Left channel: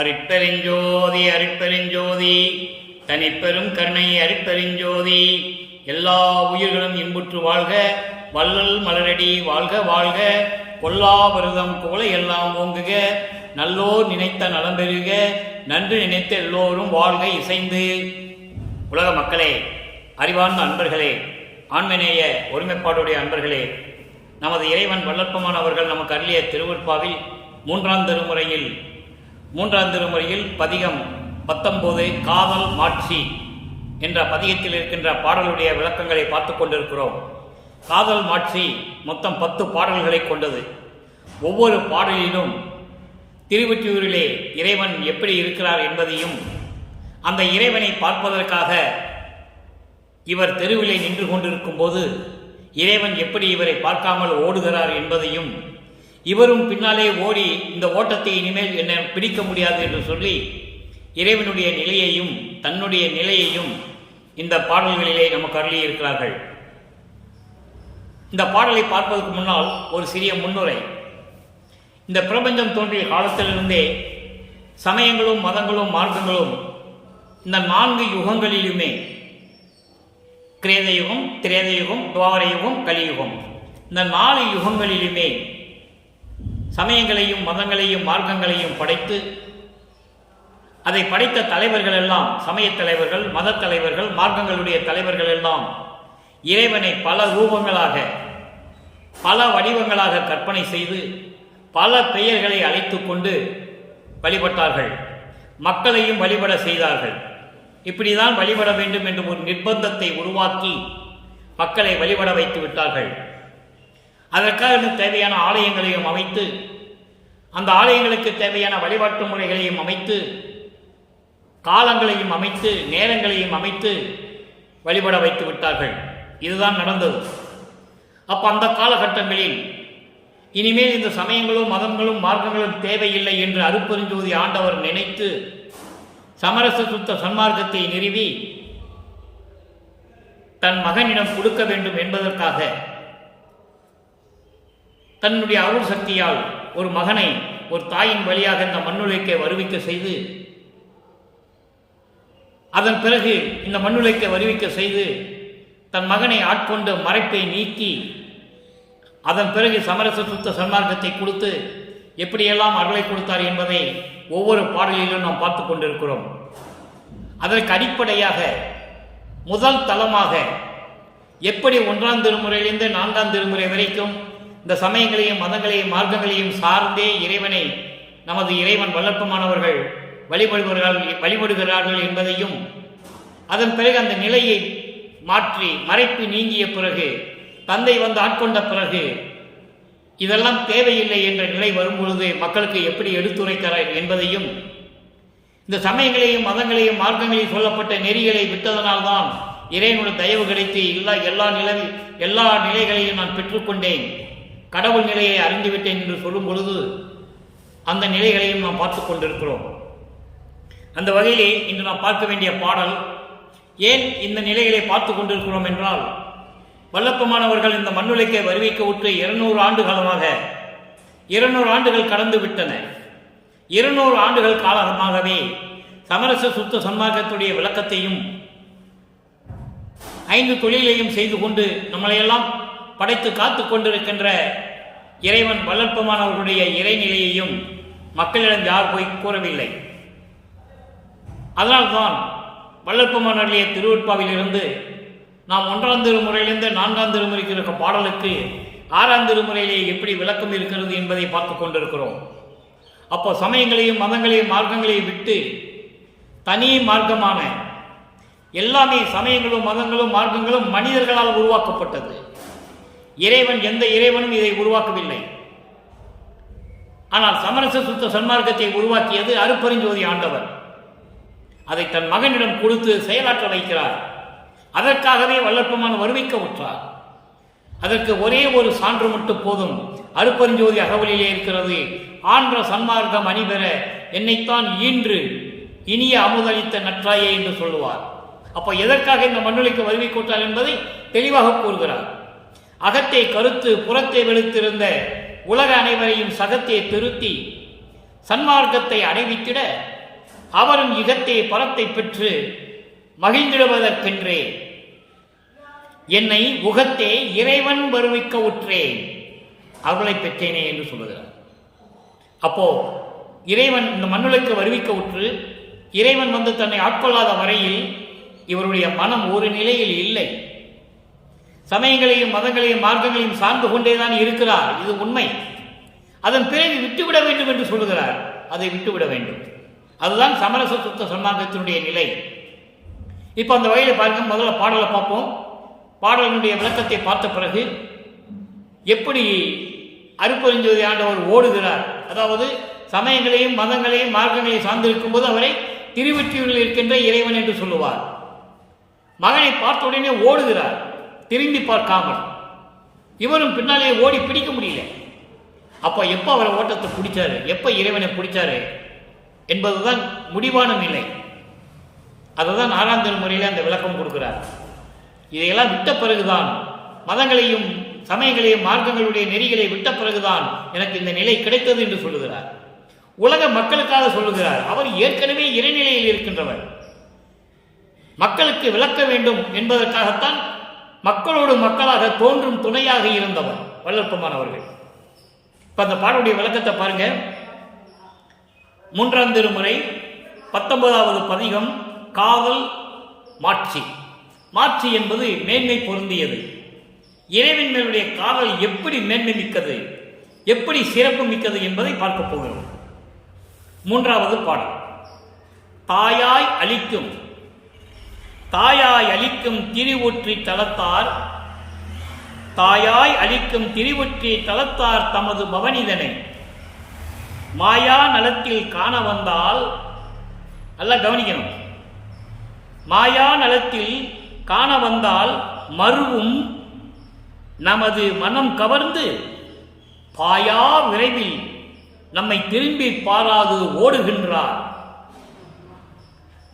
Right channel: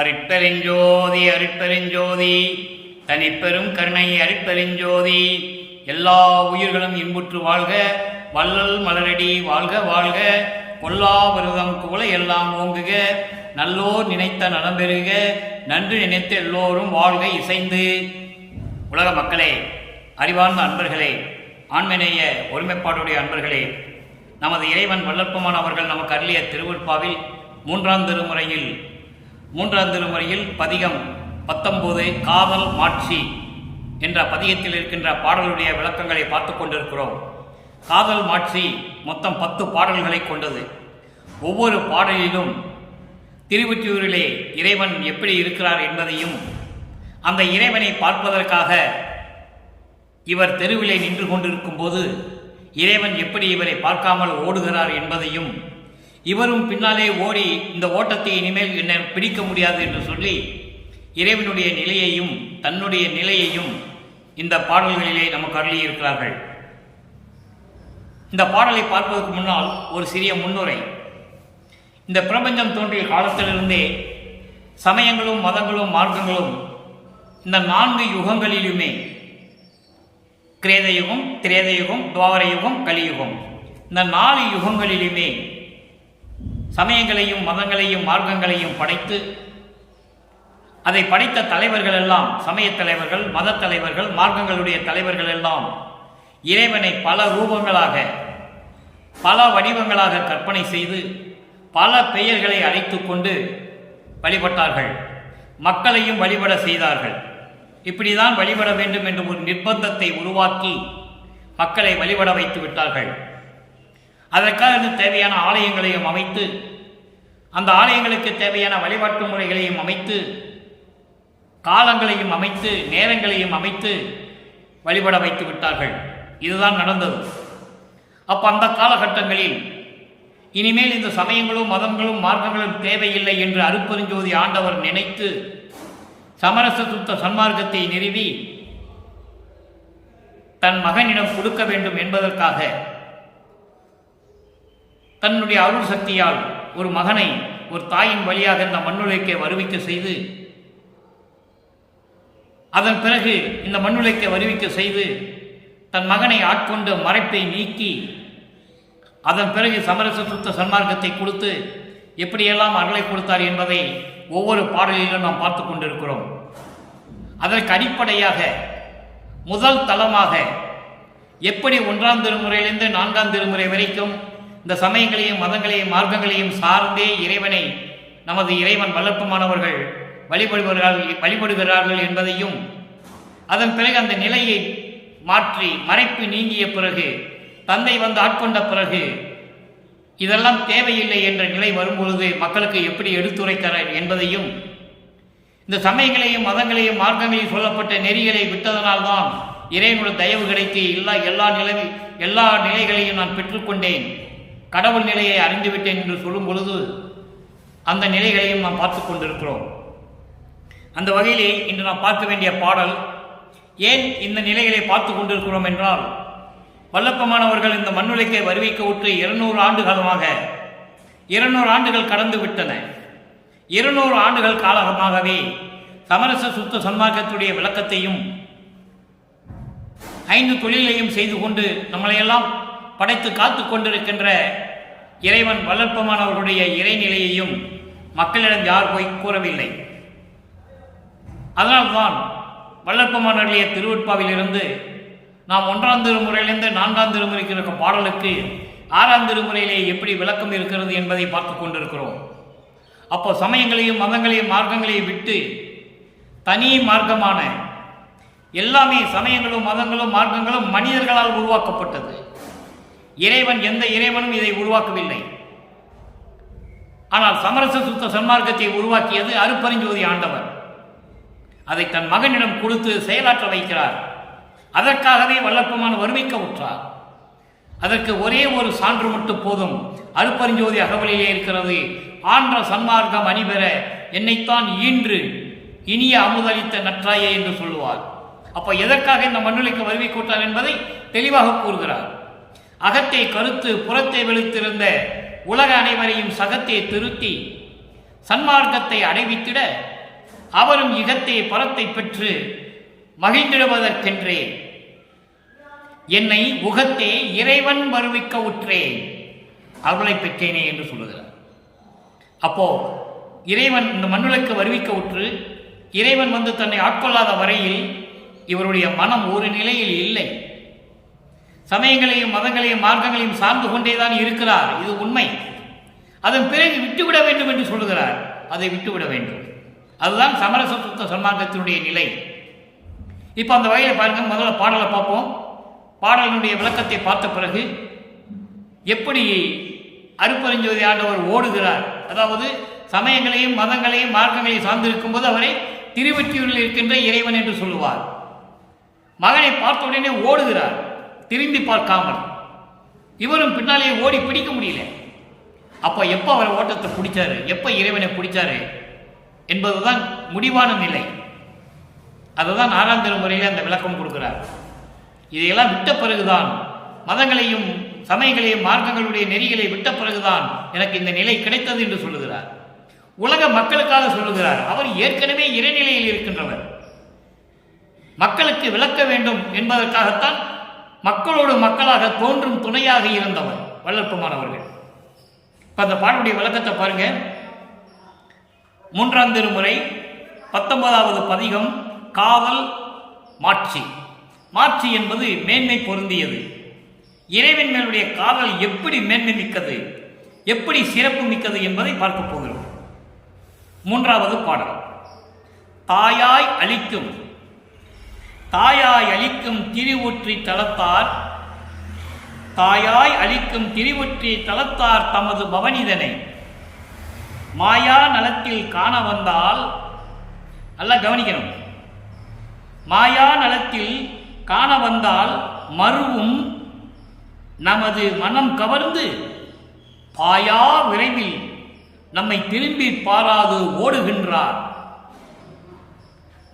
அருட்பெருஞ்சோதி அருட்பெருஞ்சோதி தனிப்பெரும் கருணை அருட்பெருஞ்சோதி. எல்லா உயிர்களும் இன்புற்று வாழ்க, வள்ளல் மலரடி வாழ்க வாழ்க, கொல்லா விரதம் கோல எல்லாம் ஓங்குக, நல்லோர் நினைத்த நலம் பெறுக, நன்று நினைத்த எல்லோரும் வாழ்க இசைந்து. உலக மக்களே, அறிவார்ந்த அன்பர்களே, ஆண்மநேய ஒருமைப்பாடுடைய அன்பர்களே, நமது இறைவன் வல்லற்பமான அவர்கள் நமக்கு அருளிய திருவருட்பாவில் மூன்றாம் திருமுறையில் பதிகம் 19 காதல் மாட்சி என்ற பதிகத்தில் இருக்கின்ற பாடலுடைய விளக்கங்களை பார்த்து கொண்டிருக்கிறோம். காதல் மாட்சி மொத்தம் 10 பாடல்களை கொண்டது. ஒவ்வொரு பாடலிலும் திருவொற்றியூரிலே இறைவன் எப்படி இருக்கிறார் என்பதையும், அந்த இறைவனை பார்ப்பதற்காக இவர் தெருவிலே நின்று கொண்டிருக்கும் போது இறைவன் எப்படி இவரை பார்க்காமல் ஓடுகிறார் என்பதையும், இவரும் பின்னாலே ஓடி இந்த ஓட்டத்தை இனிமேல் என்ன பிடிக்க முடியாது என்று சொல்லி இறைவனுடைய நிலையையும் தன்னுடைய நிலையையும் இந்த பாடல்களிலே நமக்கு அருளியிருக்கிறார்கள். இந்த பாடலை பார்ப்பதற்கு முன்னால் ஒரு சிறிய முன்னுரை. இந்த பிரபஞ்சம் தோன்றிய காலத்திலிருந்தே சமயங்களும் மதங்களும் மார்க்கங்களும் இந்த 4 யுகங்களிலுமே, கிரேதயுகம், திரேதயுகம், துவாபரயுகம், கலியுகம், இந்த 4 யுகங்களிலுமே சமயங்களையும் மதங்களையும் மார்க்கங்களையும் படைத்து, அதை படைத்த தலைவர்கள் எல்லாம், சமய தலைவர்கள், மத தலைவர்கள், மார்க்கங்களுடைய தலைவர்கள் எல்லாம் இறைவனை பல ரூபங்களாக, பல வடிவங்களாக கற்பனை செய்து பல பெயர்களை அழைத்து கொண்டு வழிபட்டார்கள். மக்களையும் வழிபட செய்தார்கள். இப்படிதான் வழிபட வேண்டும் என்று ஒரு நிர்பந்தத்தை உருவாக்கி மக்களை வழிபட வைத்து விட்டார்கள். அதற்காக தேவையான ஆலயங்களையும் அமைத்து, அந்த ஆலயங்களுக்கு தேவையான வழிபாட்டு முறைகளையும் அமைத்து, காலங்களையும் அமைத்து, நேரங்களையும் அமைத்து வழிபட வைத்து விட்டார்கள். இதுதான் நடந்தது. அப்போ அந்த காலகட்டங்களில் இனிமேல் இந்த சமயங்களும் மதங்களும் மார்க்கங்களும் தேவையில்லை என்று அருட்பெருஞ்சோதி ஆண்டவர் நினைத்து சமரச சுத்த சன்மார்க்கத்தை நிறுவி தன் மகனிடம் கொடுக்க வேண்டும் என்பதற்காக தன்னுடைய அருள் சக்தியால் ஒரு மகனை ஒரு தாயின் வழியாக இந்த மண்ணுலைக்கே வருவிக்க செய்து, அதன் பிறகு இந்த மண்ணுலைக்கே வருவிக்க செய்து தன் மகனை ஆட்கொண்டு மறைப்பை நீக்கி, அதன் பிறகு சமரச சுத்த சன்மார்க்கத்தை கொடுத்து எப்படியெல்லாம் அருளை கொடுத்தார் என்பதை ஒவ்வொரு பாடலிலும் நாம் பார்த்து கொண்டிருக்கிறோம். அதற்கு அடிப்படையாக முதல் தளமாக எப்படி 1ஆம் திருமுறையிலிருந்து 4ஆம் திருமுறை வரைக்கும் இந்த சமயங்களையும் மதங்களையும் மார்க்கங்களையும் சார்ந்தே இறைவனை நமது இறைவன் வல்லற்பமானவர்கள் வழிபடுகிறார்கள் என்பதையும், அதன் பிறகு அந்த நிலையை மாற்றி மறைப்பு நீங்கிய பிறகு, தந்தை வந்து ஆட்கொண்ட பிறகு இதெல்லாம் தேவையில்லை என்ற நிலை வரும்பொழுது மக்களுக்கு எப்படி எடுத்துரைக்கிறார் என்பதையும், இந்த சமயங்களையும் மதங்களையும் மார்க்கங்களையும் சொல்லப்பட்ட நெறிகளை விட்டதனால்தான் இறைவனுடைய தயவு கிடைத்து எல்லா நிலைகளையும் நான் பெற்றுக்கொண்டேன், கடவுள் நிலையை அறிந்துவிட்டேன் என்று சொல்லும் பொழுது அந்த நிலைகளையும் நாம் பார்த்து கொண்டிருக்கிறோம். அந்த வகையிலே இன்று நாம் பார்க்க வேண்டிய பாடல், ஏன் இந்த நிலைகளை பார்த்து கொண்டிருக்கிறோம் என்றால், வல்லப்பமானவர்கள் இந்த மண்ணுலைக்கே வருவிக்க உற்று 200 ஆண்டு காலமாக 200 ஆண்டுகள் கடந்து விட்டன. 200 ஆண்டுகள் காலமாகவே சமரச சுத்த சன்மார்க்கத்துடைய விளக்கத்தையும் 5 தொழிலையும் செய்து கொண்டு நம்மளையெல்லாம் படைத்து காத்து கொண்டிருக்கின்ற இறைவன் வல்லற்பமானவர்களுடைய இறைநிலையையும் மக்களிடம் யார் போய் கூறவில்லை. அதனால்தான் வல்லற்பமானவர்களுடைய திருவருட்பாவிலிருந்து நாம் 1ஆம் திருமுறையிலிருந்து 4ஆம் திருமுறைக்கு இருக்க பாடலுக்கு 6ஆம் திருமுறையிலே எப்படி விளக்கம் இருக்கிறது என்பதை பார்த்து கொண்டிருக்கிறோம். அப்போ சமயங்களையும் மதங்களையும் மார்க்கங்களையும் விட்டு தனி மார்க்கமான எல்லாமே, சமயங்களும் மதங்களும் மார்க்கங்களும் மனிதர்களால் உருவாக்கப்பட்டது. இறைவன், எந்த இறைவனும் இதை உருவாக்கவில்லை. ஆனால் சமரச சுத்த சன்மார்க்கத்தை உருவாக்கியது அருட்பெருஞ்சோதி ஆண்டவர். அதை தன் மகனிடம் கொடுத்து செயலாற்ற வைக்கிறார். அதற்காகவே வல்லற்பமான வருவிக்க உற்றார். அதற்கு ஒரே ஒரு சான்று மட்டும் போதும். அருட்பெருஞ்சோதி அகவலிலே இருக்கிறது, ஆன்ற சன்மார்க்கம் அணிபெற என்னைத்தான் ஈன்று இனிய அமுதளித்த நற்றாயே என்று சொல்லுவார். அப்போ எதற்காக இந்த மண்ணுலைக்கு வருவிக்கொட்டார் என்பதை தெளிவாக கூறுகிறார். அகத்தை கருத்து புறத்தை வெளுத்திருந்த உலக அனைவரையும் சகத்தை திருத்தி சன்மார்க்கத்தை அடைவித்திட அவரும் இகத்தை பலத்தை பெற்று மகிழ்ந்திடுவதற்கென்றே என்னை உகத்தே இறைவன் வருவிக்க உற்றேன், அருளை பெற்றேனே என்று சொல்லுகிறார். அப்போ இறைவன் இந்த மண்ணுலக்கு வருவிக்க உற்று இறைவன் வந்து தன்னை ஆட்கொள்ளாத வரையில் இவருடைய மனம் ஒரு நிலையில் இல்லை. சமயங்களையும் மதங்களையும் மார்க்கங்களையும் சார்ந்து கொண்டேதான் இருக்கிறார், இது உண்மை. அதன் பிறகு விட்டுவிட வேண்டும் என்று சொல்லுகிறார். அதை விட்டுவிட வேண்டும். அதுதான் சமரச சுத்த சன்மார்க்கத்தினுடைய நிலை. இப்போ அந்த வகையில் பாருங்க, முதல்ல பாடலை பார்ப்போம். பாடலினுடைய விளக்கத்தை பார்த்த பிறகு எப்படி அருட்பெருஞ்சோதி ஆண்டவர் ஓடுகிறார், அதாவது சமயங்களையும் மதங்களையும் மார்க்கங்களையும் சார்ந்திருக்கும் போது அவரை திருவொற்றியூரில் இருக்கின்ற இறைவன் என்று சொல்லுவார். மகனை பார்த்த உடனே ஓடுகிறார், திரும்பி பார்க்காமல். இவரும் பின்னாலேயே ஓடி பிடிக்க முடியல. அப்போ எப்போ அவரை ஓட்டத்தை பிடிச்சாரு, எப்போ இறைவனை பிடிச்சாரு என்பதுதான் முடிவான நிலை. அதுதான் 6ஆம் திருமுறையில் அந்த விளக்கம் கொடுக்கிறார். இதையெல்லாம் விட்ட பிறகுதான், மதங்களையும் சமயங்களையும் மார்க்கங்களுடைய நெறிகளை விட்ட பிறகுதான் எனக்கு இந்த நிலை கிடைத்தது என்று சொல்லுகிறார். உலக மக்களுக்காக சொல்லுகிறார். அவர் ஏற்கனவே இறைநிலையில் இருக்கின்றவர். மக்களுக்கு விளக்க வேண்டும் என்பதற்காகத்தான் மக்களோடு மக்களாக தோன்றும் துணையாக இருந்தவர் வள்ளற்பெருமான் அவர்கள். இப்ப அந்த பாடலுடைய விளக்கத்தை பாருங்க. 3ஆம் திருமுறை 19வது பதிகம் காவல் மாட்சி. மாட்சி என்பது மேன்மை பொருந்தியது. இறைவன் மேலுடைய காவல் எப்படி மேன்மை மிக்கது, எப்படி சிறப்பு மிக்கது என்பதை பார்க்க போகிறோம். 3வது பாடல். தாயாய் அளிக்கும் தாயாய் அளிக்கும் திருவொற்றி தலத்தார், தாயாய் அளிக்கும் திருவொற்றி தலத்தார் தமது பவனிதனை மாயா நலத்தில் காண வந்தால், நல்லா கவனிக்கணும், மாயா நலத்தில் காண வந்தால் மருவும் நமது மனம் கவர்ந்து பாயா விரைவில் நம்மை திரும்பி பாராது ஓடுகின்றார்.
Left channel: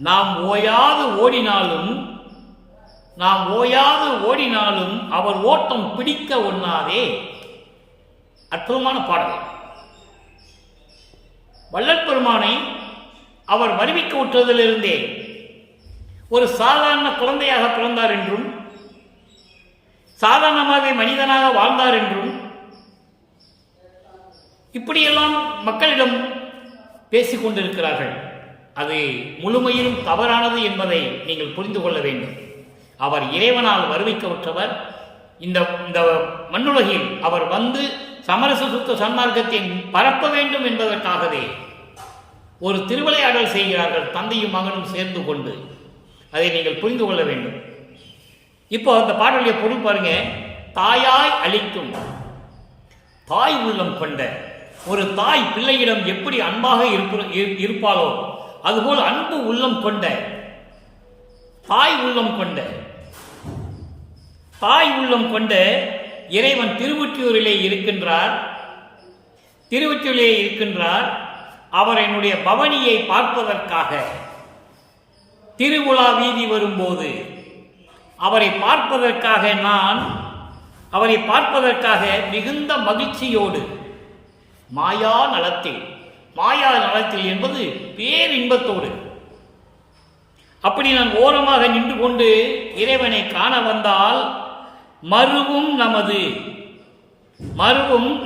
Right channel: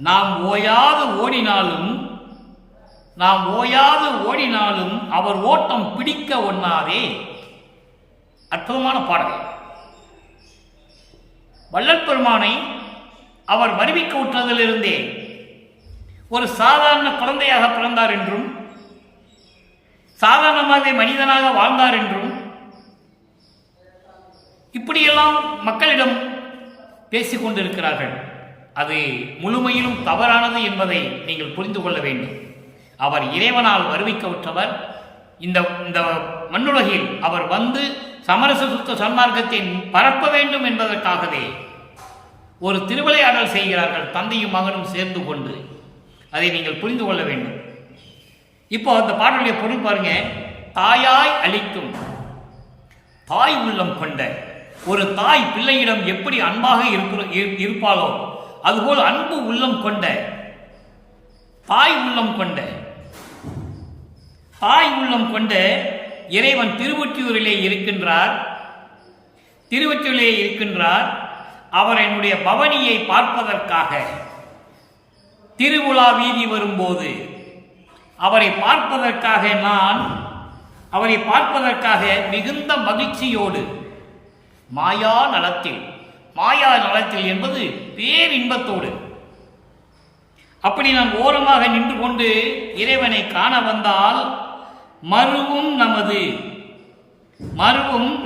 நாம் ஓயாது ஓடினாலும் அவர் ஓட்டம் பிடிக்க ஒண்ணாதே. அற்புதமான பாடல். வள்ளற்பெருமானை அவர் வருவிக்க உற்றதிலிருந்தே ஒரு சாதாரண குழந்தையாக பிறந்தார் என்றும், சாதாரணமாகவே மனிதனாக வாழ்ந்தார் என்றும், இப்படியெல்லாம் மக்களிடம் பேசிக் கொண்டிருக்கிறார்கள். அது முழுமையிலும் தவறானது என்பதை நீங்கள் புரிந்து கொள்ள வேண்டும். அவர் இறைவனால் வருவிக்க உற்றவர். இந்த மண்ணுலகில் அவர் வந்து சமரச சுத்த சன்மார்க்கத்தை பரப்ப வேண்டும் என்பதற்காகவே ஒரு திருவிளையாடல் செய்கிறார்கள், தந்தையும் மகனும் சேர்ந்து கொண்டு. அதை நீங்கள் புரிந்து கொள்ள வேண்டும். இப்போ அந்த பாடலுடைய பொருள் பாருங்க. தாயாய் அளிக்கும், தாய் உள்ளம் கொண்ட ஒரு தாய் பிள்ளையிடம் எப்படி அன்பாக இருப்பாளோ அதுபோல் அன்பு உள்ளம் கொண்ட தாய் உள்ளம் கொண்ட இறைவன் திருவொற்றியூரிலே இருக்கின்றார். அவர் என்னுடைய பவனியை பார்ப்பதற்காக திருவுலா வீதி வரும்போது அவரை பார்ப்பதற்காக மிகுந்த மகிழ்ச்சியோடு மாயா நலத்தில் என்பது பேரின்பத்தோடு அப்படி நான் ஓரமாக நின்று கொண்டு இறைவனை காண வந்தால் மருவும்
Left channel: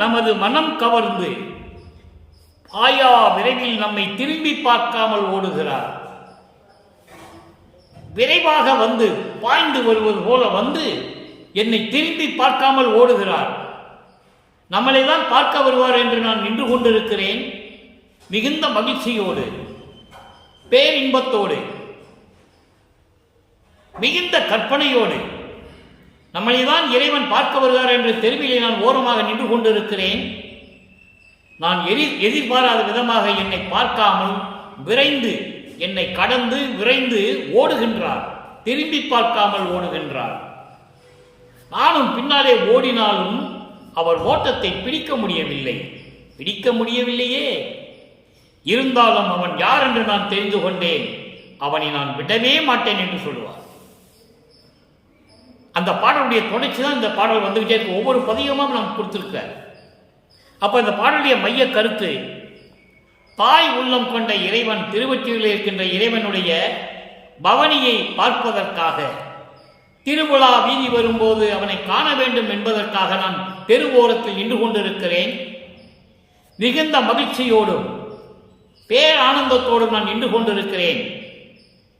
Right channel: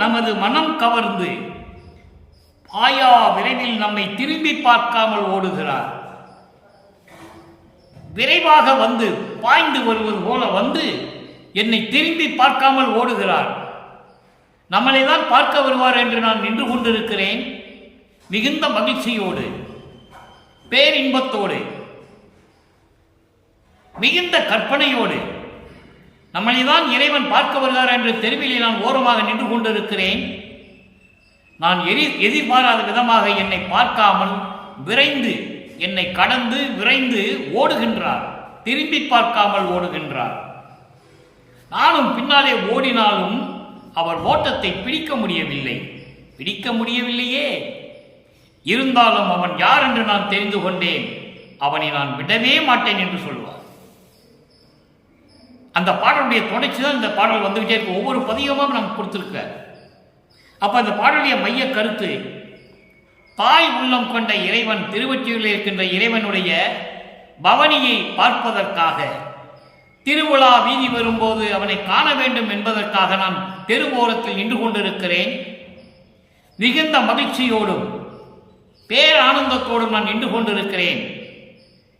நமது மனம் கவர்ந்து பாயா விரைவில் நம்மை திரும்பி பார்க்காமல் ஓடுகிறார். விரைவாக வந்து பாய்ந்து வருவது போல வந்து என்னை திரும்பி பார்க்காமல் ஓடுகிறார். நம்மளை தான் பார்க்க வருவார் என்று நான் நின்று கொண்டிருக்கிறேன். மிகுந்த மகிழ்ச்சியோடு, பேரின்பத்தோடு, மிகுந்த கற்பனையோடு நம்மளை தான் இறைவன் பார்க்க வருகிறார் என்று தெருவிலே நான் ஓரமாக நின்று கொண்டிருக்கிறேன். நான் எதிர்பாராத விதமாக என்னை பார்க்காமல் விரைந்து, என்னை கடந்து விரைந்து ஓடுகின்றார். திரும்பி பார்க்காமல் ஓடுகின்றார். நானும் பின்னாலே ஓடினாலும் அவர் ஓட்டத்தை பிடிக்க முடியவில்லையே. இருந்தாலும் அவன் யார் என்று நான் தெரிந்து கொண்டேன். அவனை நான் விடவே மாட்டேன் என்று சொல்லுவார். அந்த பாடலுடைய தொடர்ச்சி தான் இந்த பாடல் வந்துகிட்டே இருக்கு. ஒவ்வொரு பதிகமாக நமக்கு கொடுத்திருக்க. அப்ப இந்த பாடலுடைய மைய கருத்து, தாய் உள்ளம் கொண்ட இறைவன், திருவொற்றியூரில் இருக்கின்ற இறைவனுடைய பவனியை பார்ப்பதற்காக, திருவிழா வீதி வரும்போது அவனை காண வேண்டும் என்பதற்காக நான் தெருவோரத்தில் நின்று கொண்டிருக்கிறேன். மிகுந்த மகிழ்ச்சியோடும் பேரானந்தத்தோடும் நான் நின்று கொண்டிருக்கிறேன்.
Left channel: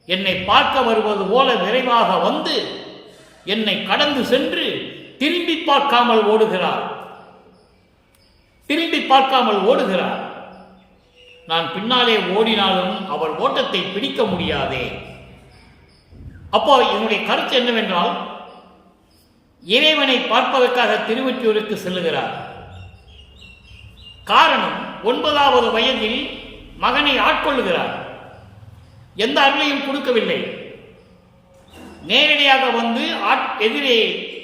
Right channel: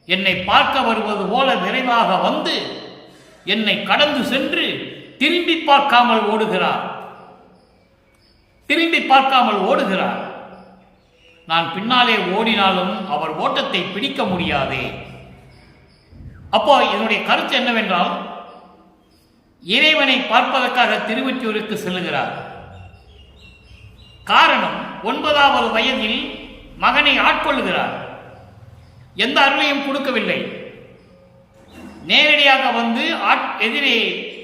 என்னை பார்க்க வருவது போல விரைவாக வந்து என்னை கடந்து சென்று திரும்பி பார்க்காமல் ஓடுகிறார். திரும்பி பார்க்காமல் ஓடுகிறார். நான் பின்னாலே ஓடினாலும் அவர் ஓட்டத்தை பிடிக்க முடியாதே. அப்போ என்னுடைய கருத்து என்னவென்றால், இறைவனை பார்ப்பதற்காக திருவொற்றியூருக்கு செல்லுகிறார். காரணம், 9வது வயதில் மகனை ஆட்கொள்ளுகிறார். எந்த அருளையும் கொடுக்கவில்லை. நேரடியாக வந்து எதிரே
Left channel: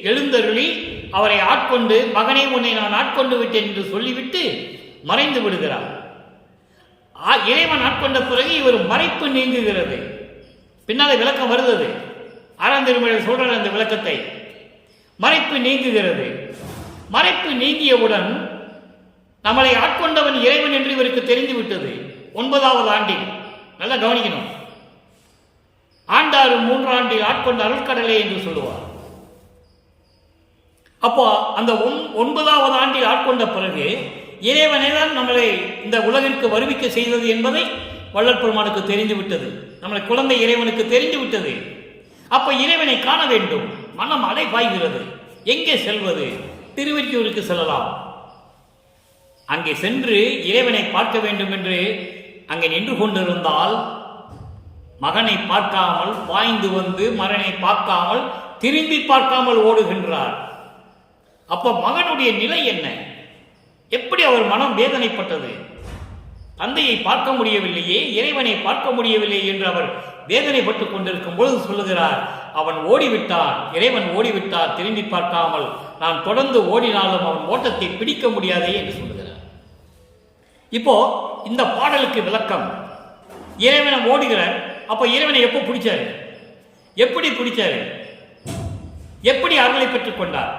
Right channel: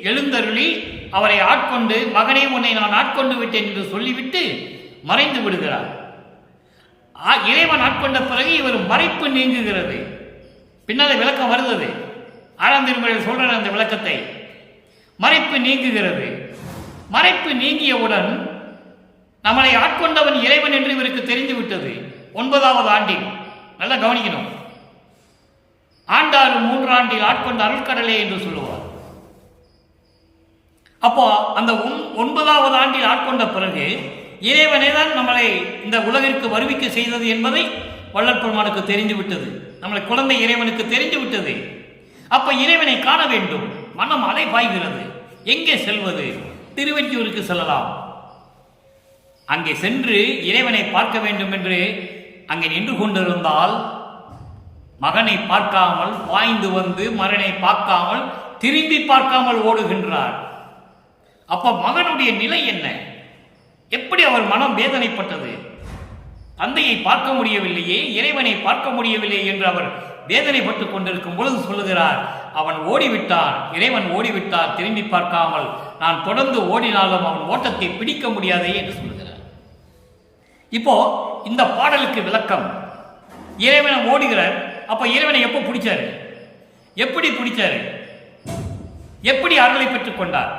எழுந்தருளி அவரை ஆட்கொண்டு, மகனே உன்னை நான் ஆட்கொண்டு விட்டேன் என்று சொல்லிவிட்டு மறைந்து விடுகிறார். இறைவன் ஆட்கொண்ட பிறகு இவர் மறைப்பு நீங்குகிறது. பின்னாலே விளக்கம் வருகிறது. 6ஆம் திருமுறையில் சொல்ற அந்த விளக்கத்தை. மறைப்பு நீங்குகிறது. மறைப்பு நீங்கியவுடன் நம்மளை ஆட்கொண்டவன் இறைவன் என்று இவருக்கு தெரிந்து விட்டது. 9வது ஆண்டில் நல்லா கவனிக்கணும். ஆண்டாறு 3 ஆண்டில் ஆட்கொண்ட அருள்கடலே என்று சொல்லுவார். அப்போ அந்த 9வது ஆண்டில் ஆட்கொண்ட பிறகு இறைவனை தான் நம்மளை இந்த உலகிற்கு வருவிக்க செய்தது என்பதை வள்ளல் பெருமானுக்கு தெரிந்து விட்டது. நம்மளை குழந்தை இறைவனுக்கு தெரிந்து விட்டது. அப்ப இறைவனை காண வேண்டும். மனம் அலை பாய்கிறது. எங்கே செல்வது? திருவொற்றியூருக்கு செல்லலாம். அங்கே சென்று இறைவனை பார்க்க வேண்டும் என்று அங்கே நின்று கொண்டிருந்தால், மகனை பார்க்காமல் பாய்ந்து வந்து மகனை பார்க்காமல் திரும்பி பார்க்காமல் ஓடுகின்றார். அப்ப மகனுடைய நிலை என்ன? எப்படி அவர் மனம் வேதனைப்பட்டது? தந்தையை பார்க்க முடியவில்லையே, இறைவனை பார்க்க முடியவில்லை என்று அவர் வேதனைப்பட்டுக் கொண்டிருக்கும் பொழுது சொல்லுகிறார், அவன் ஓடிவிட்டான், இறைவன் ஓடிவிட்டார், திரும்பி பார்க்காமல். நான் தொடர்ந்து ஓடினாலும் அவன் ஓட்டத்தை பிடிக்க முடியாதே என்று சொல்லுகிறார். இப்போ இந்த பாடலுக்கு விளக்கம், இறைவனை ஓடுகிறார். அப்ப இறைவனை எப்போ பிடிச்சாரு? எப்படி பிடிச்சாரு? எப்படி அருளை பெற்றுக் கொண்டார்?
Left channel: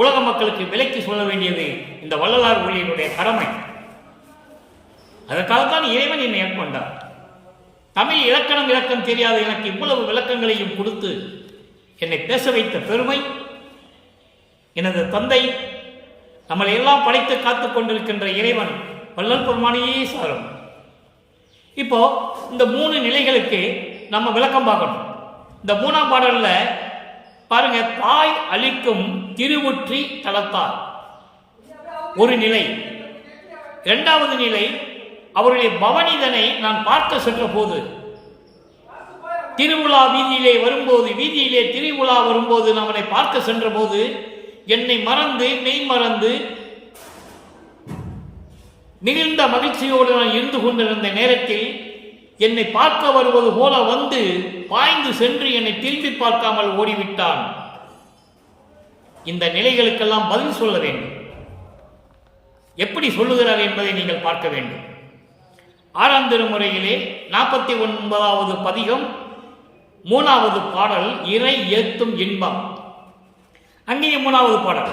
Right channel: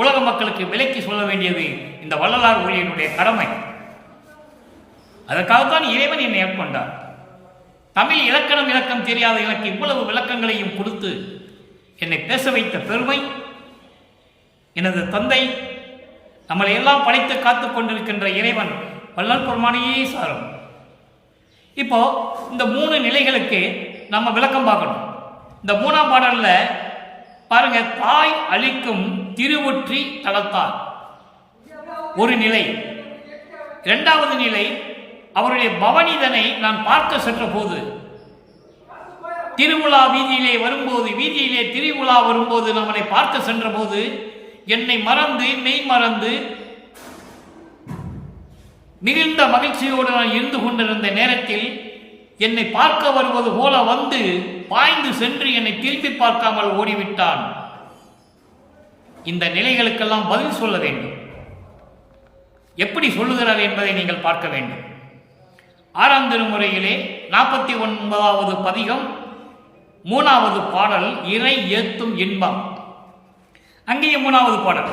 உலக மக்களுக்கு விலைக்கு சொல்ல வேண்டியது இந்த வள்ளலார் ஊழியனுடைய கடமை. அதற்காகத்தான் இறைவன் என்னை ஏற்கொண்டார். தமிழ் இலக்கணம் தெரியாத எனக்கு இவ்வளவு விளக்கங்களையும் கொடுத்து என்னை பேச வைத்த பெருமை எனது தந்தை, நம்மளை எல்லாம் படைத்து காத்துக் கொண்டிருக்கின்ற இறைவன் வள்ளல் பெருமானையே சாரும். இப்போ இந்த 3 நிலைகளுக்கு நம்ம விளக்கம் பார்க்கணும். இந்த 3ஆம் பாடல்ல பாருங்க, தாய் அளிக்கும் திருவொற்றி தலத்தார் ஒரு நிலை. 2வது நிலை, அவருடைய பவனிதனை நான் பார்க்க சென்ற போது, திருவிழா வீதியிலே வரும்போது, வீதியிலே திருவிழா வரும்போது நம்மனை பார்க்க சென்ற போது என்னை மறந்து மெய் மறந்து மிகுந்த மகிழ்ச்சியோடு நான் இருந்து கொண்டிருந்த நேரத்தில் என்னை பார்க்க வருவது போல வந்து பாய்ந்து சென்று என்னை திரும்பி பார்க்காமல் ஓடிவிட்டான். இந்த நிலைகளுக்கெல்லாம் பதில் சொல்ல வேண்டும். எப்படி சொல்லுகிறார் என்பதை நீங்கள் பார்க்க வேண்டும். 6ஆம் திருமுறையிலே 49வது பதிகம் 3வது பாடல், இறை ஏத்தும் இன்பம். அங்கேயே 3வது பாடல்.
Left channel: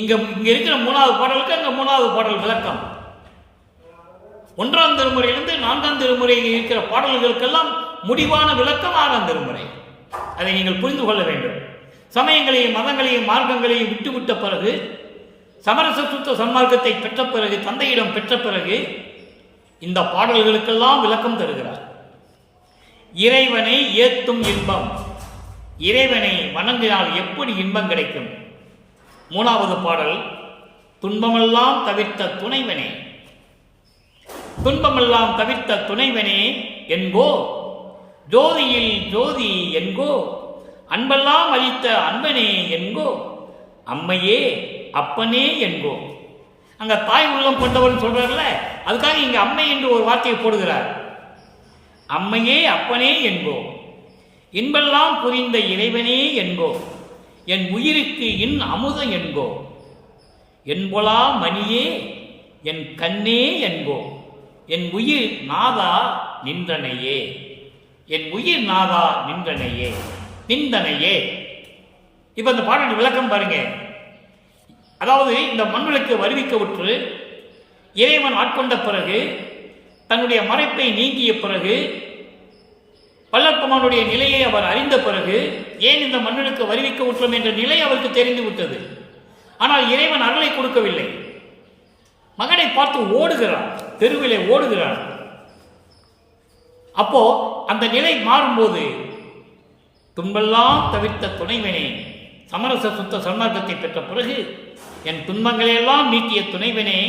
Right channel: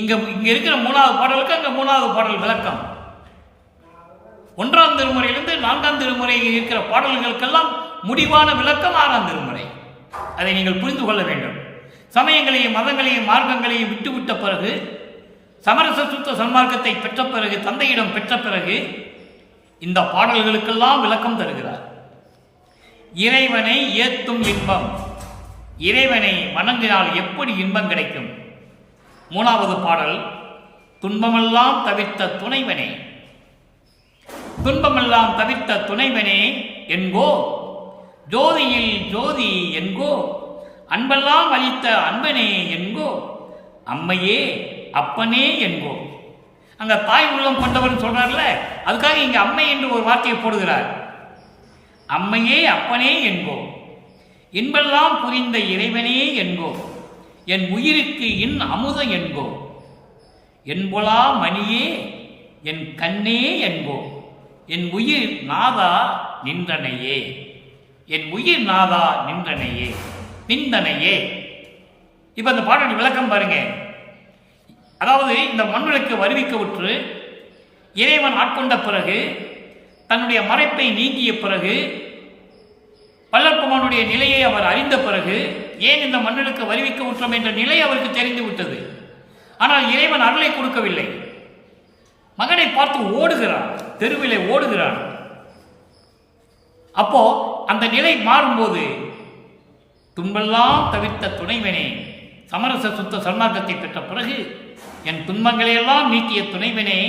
இங்க இருக்கிற 3வது பாடலுக்கு அங்க 3வது பாடல் விளக்கம். 1ஆம் திருமுறையிலிருந்து 4ஆம் திருமுறையில் இருக்கிற பாடல்களுக்கெல்லாம் முடிவான விளக்கம் 6ஆம் திருமுறை. அதை நீங்கள் புரிந்து கொள்ள வேண்டும். சமயங்களையும் மதங்களையும் மார்க்கங்களையும் விட்டுவிட்ட பிறகு, சமரச சுத்த சன்மார்க்கத்தை பெற்ற பிறகு, தந்தையிடம் பெற்ற பிறகு இந்த பாடல்களுக்கெல்லாம் விளக்கம் தருகிறார். இறைவனை ஏத்தும் இன்பம். இறைவனை வணங்கினால் எப்படி இன்பம் கிடைக்கும்? 3வது பாடல், துன்பமெல்லாம் தவிர்த்த துணைவனே. துன்பமெல்லாம் தவிர்த்த துணைவனே என்கோ, ஜோதியில் ஜோதி என்கோ, அன்பெல்லாம் அளித்த அன்பனே என்கோ, அம்மையே அப்பனே என்கோ. அங்க தாய் உள்ளம் கொண்டவர் சொல்றார்ல, அதுக்காக இங்க அம்மை என்று ஒரு வார்த்தையை போடுகிறார். அம்மையே அப்பனே என்கோ, இன்பெல்லாம் புரிந்த இறைவனே என்கோ, என் உயிருக்கு இன் அமுதம் என்கோ, என்பொலா மணியே என் கண்ணே என்கோ, என் உயிர் நாதா நின்றனையே, என் உயிர் நாதா நின்றனையே, நிந்தனையே. இப்ப இந்த பாடல் விளக்கம் பாருங்க. அதாவது இந்த மண்ணுக்கு வருவிக்க விட்டு இறைவன் ஆட்கொண்ட பிறகு தன்னுடைய மறைப்பை நீங்கிய பிறகு, வல்லற்பெருமானுடைய நிலையை அவர் அறிந்த பிறகு, ஏன் இந்த மன்னனுக்கு வருவிக்க உற்றோம் என்ற நிலை அவருக்கு தெரிந்து விட்டது. ஆனால் இறைவன் அருளை கொடுக்கவில்லை. மகனை பார்த்து ஓடுகிறான், தெருவிலே ஓடுகிறான். அப்போ அந்த நிலை மாறும்போது, துன்பெல்லாம் தவிர்த்த துணைவனே, சமரச சுத்த சன்மார்க்கத்தை பெற்ற பிறகு என் துன்பங்களையெல்லாம் நீக்கிய துணைவனே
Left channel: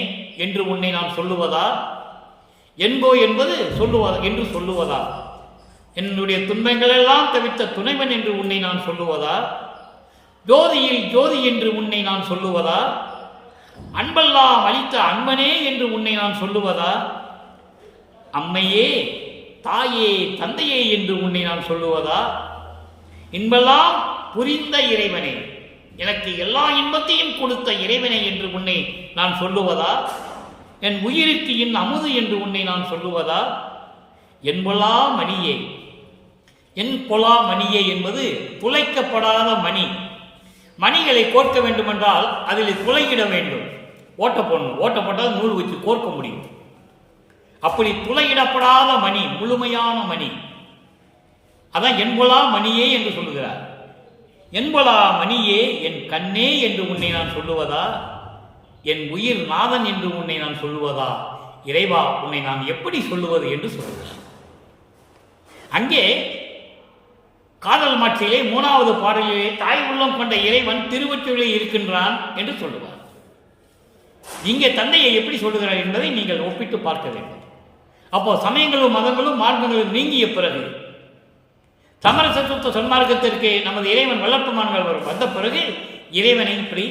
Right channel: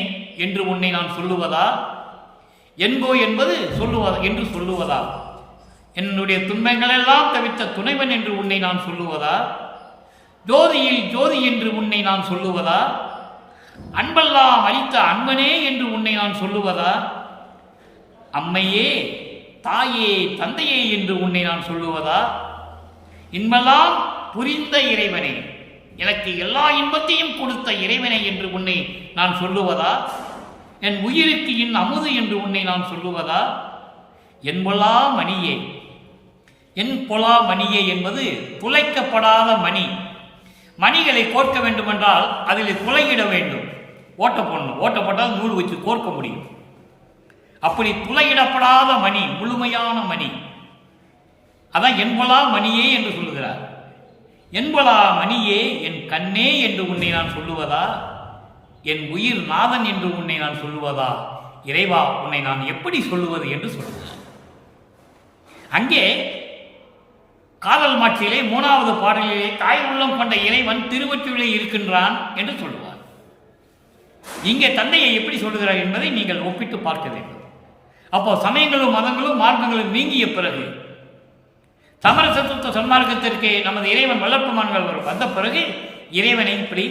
என்று உன்னை நான் சொல்லுவதா, என்போ என்பது சொல்லுவதா என்று சொல்லுவதா, என்னுடைய துன்பங்களெல்லாம் தவிர்த்த துணைவன் என்று உன்னை நான் சொல்லுவதா, ஜோதியில் ஜோதி என்று உன்னை நான் சொல்லுவதா, அன்பெல்லாம் அளித்த அன்பனே என்று உன்னை நான் சொல்லுவதா, அம்மையே தாயே தந்தையே என்று உன்னை நான் சொல்லுவதா, இன்பெல்லாம் புரிந்த இறைவனே, எனக்கு எல்லா இன்பத்தையும் கொடுத்த இறைவனை என்று உன்னை நான் சொல்லுவதா, என் உயிருக்கு என் அமுது என்று உன்னை நான் சொல்லுவதா, என் பொலா மணியே, என் பொலா மணியே என்பது துளைக்கப்படாத மணி. மணிகளை கோர்க்க வேண்டுமென்றால் அதில் துளையிட வேண்டும், ஓட்ட போடணும். ஓட்ட போட்டால் நூல் வச்சு கோர்க்க முடியும். அப்படி துளையிடப்படாத மணி, முழுமையான மணி, அதான் என்பொலா மணியே என்று சொல்லுகிறார். என்பொலா மணியே என் கண்ணே என்று உன்னை நான் சொல்லுவதா, என் உயிர் நாதன் என்று உன்னை நான் சொல்லுவதா, இறைவா உன்னை நான் எப்படி சொல்லுவது என்று சொல்லுகிறார். அங்கே காதல் மாட்சியிலே 3வது பாடலிலே தாய் உள்ளம் கொண்ட இறைவன் திருவொற்றியூரிலே இருக்கின்றான் என்று சொல்லுவார். இங்கே தந்தையை எப்படி சொல்லுகிறார் என்பதை நீங்கள் ஒப்பிட்டு பார்க்க வேண்டும். அப்போ சமயங்களும் மதங்களும் மார்க்கங்களும் நீங்கிய பிறகு, சமரச சுத்த சன்மார்க்கத்திற்கு நமது இறைவன் வல்லற்பெருமான்கள் வந்த பிறகு இறைவனை இப்படி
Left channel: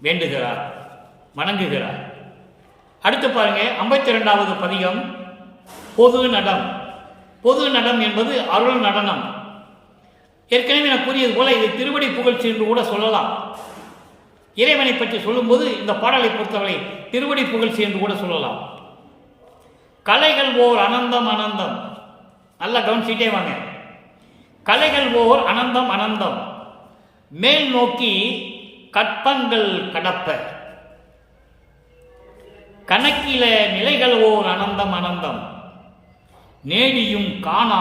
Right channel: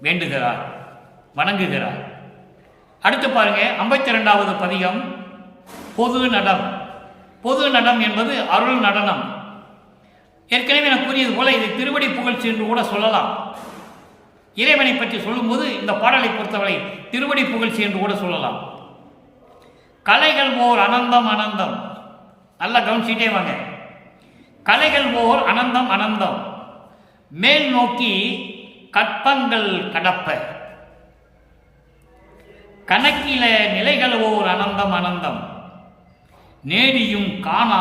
வேண்டுகிறார், வணங்குகிறார். அடுத்து பாருங்க, 52வது பதிகம் பொது நடம். பொது நடம் என்பது அருள் நடனம். ஏற்கனவே நான் கூறியது போல இது திருவடி புகழ்ச்சி என்று கூட சொல்லலாம். இறைவனை பற்றி சொல்லும்போது இந்த பாடலை பொறுத்தவரை திருவடி புகழ்ச்சி என்று கூட சொல்லலாம். கலைகள் ஓர் அனந்தம் அனந்தம், நல்லா கவனிச்சுட்டே வாங்க. கலைகள் ஓர் அனந்தம் அனந்தம், மேல் நோக்கி கற்பங்கள் கடப்ப, கணக்கில நிலைகள் ஓர் அனந்தம் அனந்தம், நேடியும் காணா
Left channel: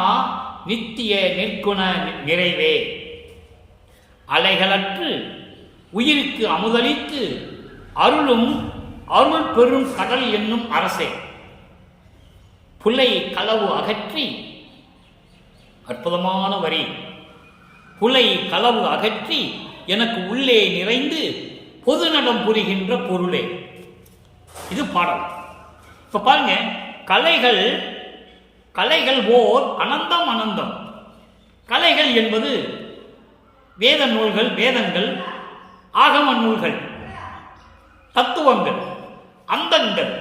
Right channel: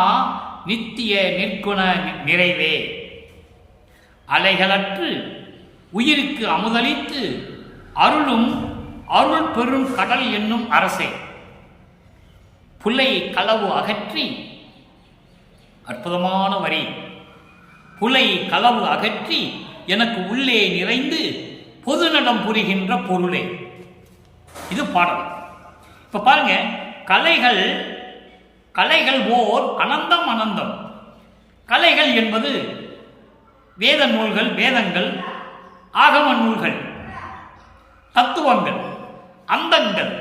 நித்திய நிற்குண நிறைவே, அலைகளற்று உயிருக்கு அமுதளித்து அருளும் அருள் பெரும் கடல் என்னும் அரசே, புலை களவு அகற்றி, அற்புதமான வரி, புலை களவு அகற்றி எனக்கு உள்ளே நிறைந்து பொது நடம் புரிகின்ற பொருளே. இது பாடல். இப்ப பாருங்க, கலைகள் கலைகள் ஓர் அனந்தம் அனந்தம். கலைகள் என்பது வேத நூல்கள், வேதங்கள், ஆகம நூல்கள், தத்துவங்கள், அந்தங்கள்,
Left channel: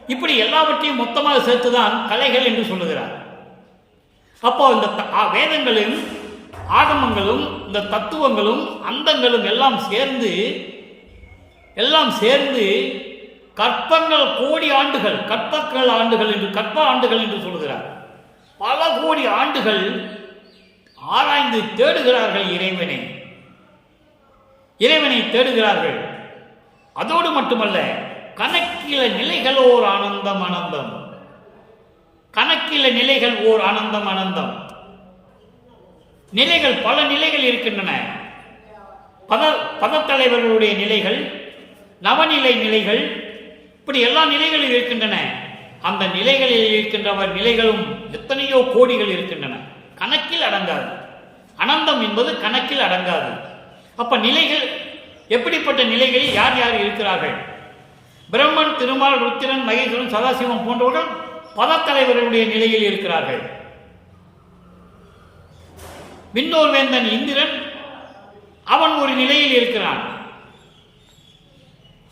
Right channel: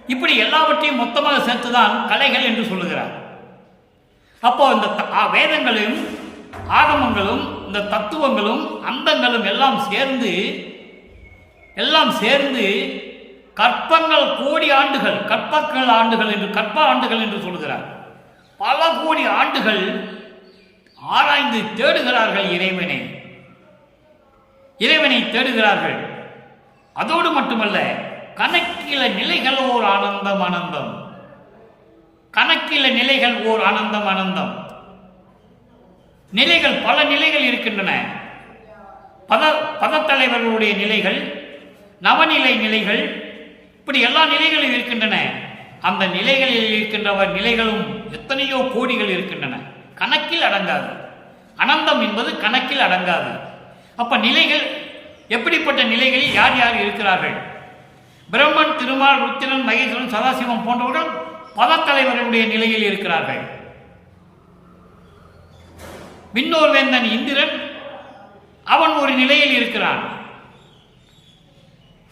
இப்படி எல்லாவற்றையும் மொத்தமாக சேர்த்துதான் கலைகள் என்று சொல்லுகிறார். அப்போ இந்த வேதங்களும் ஆகமங்களும் இந்த தத்துவங்களும் அந்தங்களும் எல்லாம் சேர்ந்து கற்பங்கள் கோடி ஆண்டுகள், கற்பங்கள் ஆண்டுகள் என்று கற்ப ஆண்டுகள் என்று சொல்கிறார். பல கோடி ஆண்டுகள் ஆராய்ந்து தேடுகிறார்கள் இறைவனை தேடுகிறார்கள். அதோடு மட்டுமல்ல, கணக்கில நிலைகள் ஓர் ஆனந்தம் ஆனந்தம், கணக்கில நிலைகள் ஓர் ஆனந்தம் ஆனந்தம். நிலைகள், பல நிலைகள் இருக்கின்றன. பதத்தலைவர்களுடைய நிலைகள், நவநிலை நிலைகள், இப்படி எல்லா நிலைகளும் இருக்கின்றன. அந்த நிலைகளில் இருக்கின்றவர் நிலைகளும் எத்தனையோ கோடிகள் இருக்கின்றன, கணக்கில் அடங்காது. அனந்தம் என்பது கணக்கில் அடங்காது. அப்ப நிலைகள், எப்படிப்பட்ட நிலைகளில் யார் யார் இருக்கிறார்கள்? பிரம்மன், திருமால், ருத்திரன், மகேஸ்வரன், சதாசிவம் போன்றவர்கள் பதத்தலைவர்களுடைய நிலையில் இருக்கிறார்கள். விண்ணோர் வேந்தன் இந்திரன், அவன் ஒரு நிலையில் இருக்கிறான்.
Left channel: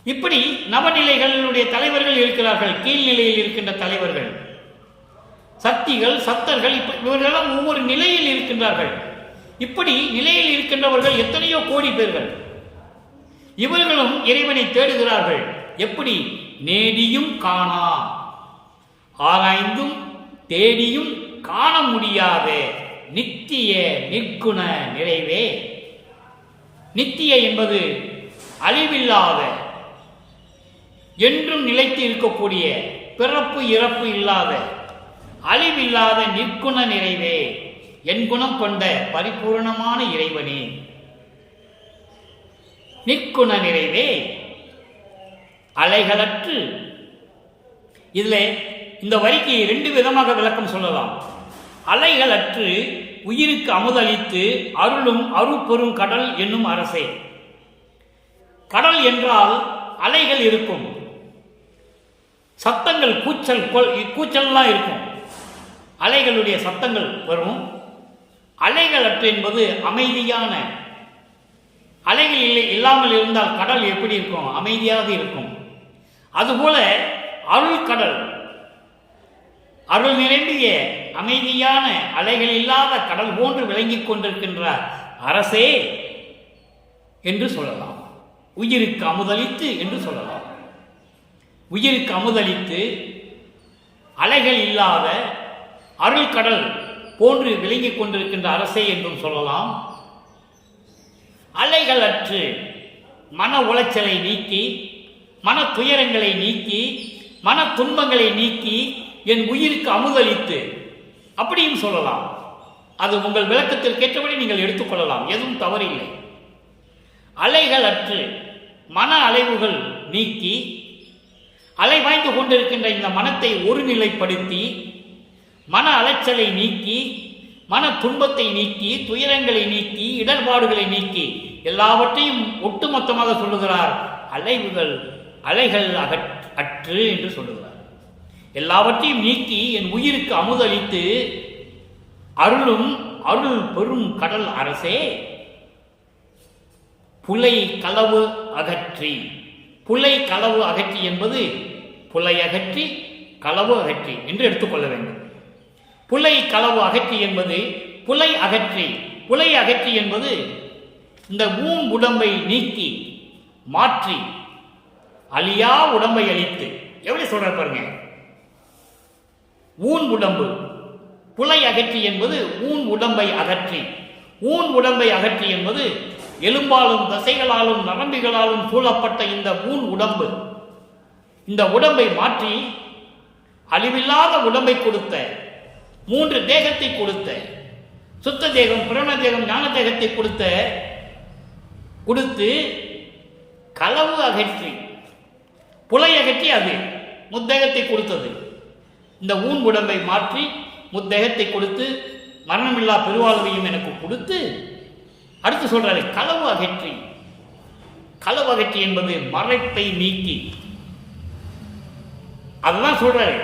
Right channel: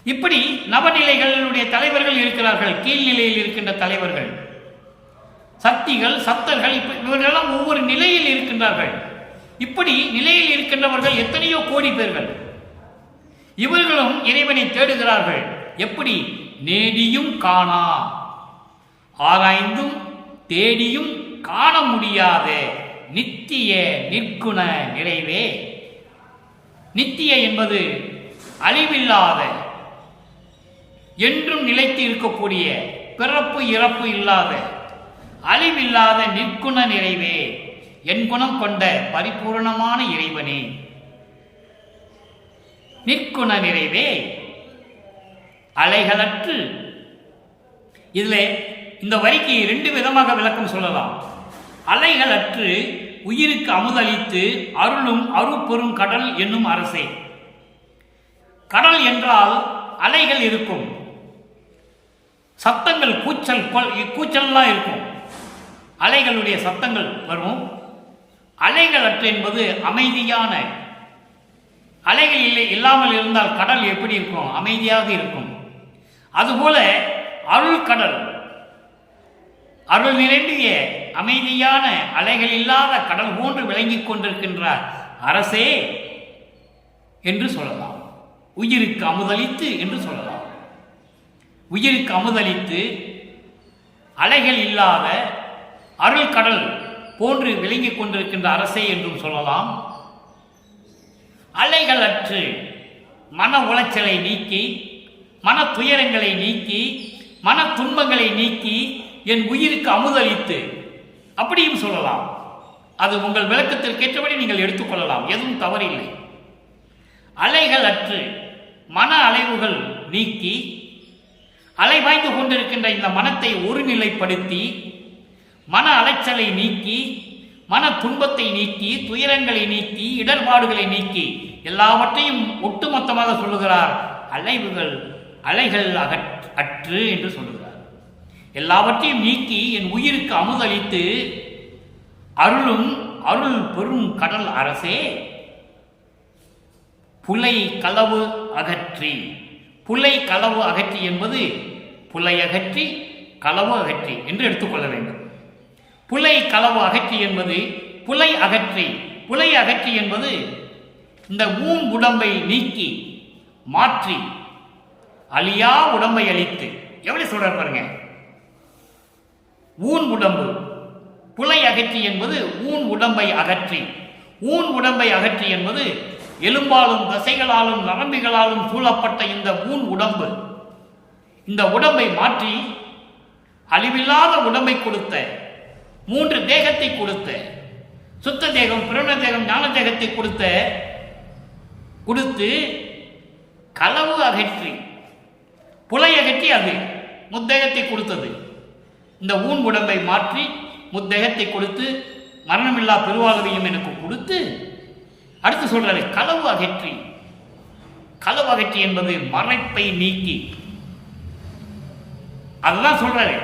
இப்படி நவநிலைகளுடைய தலைவர்கள் இருக்கிறார்கள், கீழ்நிலையில் இருக்கின்ற தலைவர்கள், சக்திகள், சத்தர்கள், இவர்களெல்லாம் ஒவ்வொரு நிலையில் இருக்கின்றார்கள். இப்படி நிலையில் இருக்கின்றவர்கள் எத்தனையோ கோடி பேர்கள். இவர்களும் இறைவனை தேடுகிறார்கள். எப்படி? நேடியும் காணா, ஆராய்ந்தும் தேடியும் காண முடியாத நித்திய நிற்குண நிறைவே. நித்திய என்பது அழிவில்லாத, என்றும் நிலைத்து இருக்கக்கூடிய பிறப்பு இறப்பு இல்லாத அழிவில்லாத நிற்குண நிறைவே என் குணம் கொண்ட பரிபூர்ணமான இறைவனே. நிற்குண நிறைவே அலைகளற்று. இதுல இந்த வரிக்கு 2 விதமாக விளக்கம் சொல்லலாம். அலைகளற்று உயிருக்கு அமுதளித்து அருளும் அருட்பெரும் கடல் என்னும் அரசே. கடல் என்றால் அலைகள் இருக்கும், சத்தங்கள் கூச்சல்லாம் இருக்கும், அலைகளுடைய சத்தங்கள் வரும். அலைகளற்று என்பது அமைதியான. அலைகள் இல்லாமல் இருந்தால் கடல் எப்படி இருக்கும்? அமைதியாக இருக்கும். அதுபோல அருள் கடல், அருள் நிறைந்திய அமைதியான அலைகள் இல்லாத கடல் போன்று விளங்கிக் கொண்டிருக்கின்றார் அரசே என்று சொல்லலாம். உயிருக்கு அமுதளித்து என்று சொல்லலாம். உயிருக்கு அமுதளித்து அலைகள் இல்லாத அருள் கடல் போன்று விளங்கிக் கொண்டிருக்கின்ற அரசே என்றும் சொல்லலாம். அலைகள் அற்று மன உளைச்சலை நீக்கி, மன துயரங்களை நீக்கி, மன துன்பங்களை நீக்கி என் உயிருக்கு அமுதளித்து அப்படியும் சொல்லலாம். அது உங்கள் விளக்கத்தில் கேட்டபடி நீங்கள் எடுத்துக்கொள்ளலாம், எதுவும் தவறில்லை. அலைகள் அற்று மன அலைவுகள் நீக்கி, அலைவாய்ந்து கொண்டிருக்கின்ற இந்த மனத்தை ஒருநிலைப்படுத்தி, மன அலைச்சலை நீக்கி, மன துன்பத்தை நீக்கி, துயரங்களை நீக்கி, இடர்பாடுகளை நீக்கி, எல்லாவற்றையும் ஒட்டுமொத்தமாக சொல்லுகிறார். அலைகள் அற்று என்று சொல்லுகிறார். எல்லாவற்றையும் நீக்கி என் உயிருக்கு அமுதளித்து அருளும் அருள் பெரும் கடல் அரசே. புலை களவு அகற்றி. புலை களவு அகற்றி என்பது புலை அகற்றி களவு அகற்றி என்று எடுத்துக்கொள்ள வேண்டும். புலை களவு அகற்றி என்பது புலை அகற்றி. புலை அகற்றி என்பது இந்த உடம்பை நீக்கி மாற்றி அழியா உடம்பை அளித்து. எப்படி சொல்ற பாருங்க, உடம்பு. புலை அகற்றி என்பது உடம்பை அகற்றி. உடம்பை அகற்றி என்பது எலும்பாலும் தசைகளாலும் நரம்பிகளாலும் சூழப்பட்ட இந்த உடம்பு. இந்த உடம்பை மாற்றி அழிவில்லாத உடம்பை கொடுத்த, 3 தேகத்தை கொடுத்த, சுத்த தேகம், பிரண தேகம், ஞான தேகத்தை கொடுத்து களவு அகற்றி, புலை அகற்றி அது முத்தேகத்தை கொடுத்தது. இந்த உடம்பை மாற்றி முத்தேகத்தை கொடுத்து மரணமில்லா பெருவாழ்வையும் எனக்கு கொடுத்து அடுத்து சொல்றாரு களவு அகற்றி. களவு அகற்றி என்பது மறைப்பை நீக்கி. அதுதான் சொல்றாரு.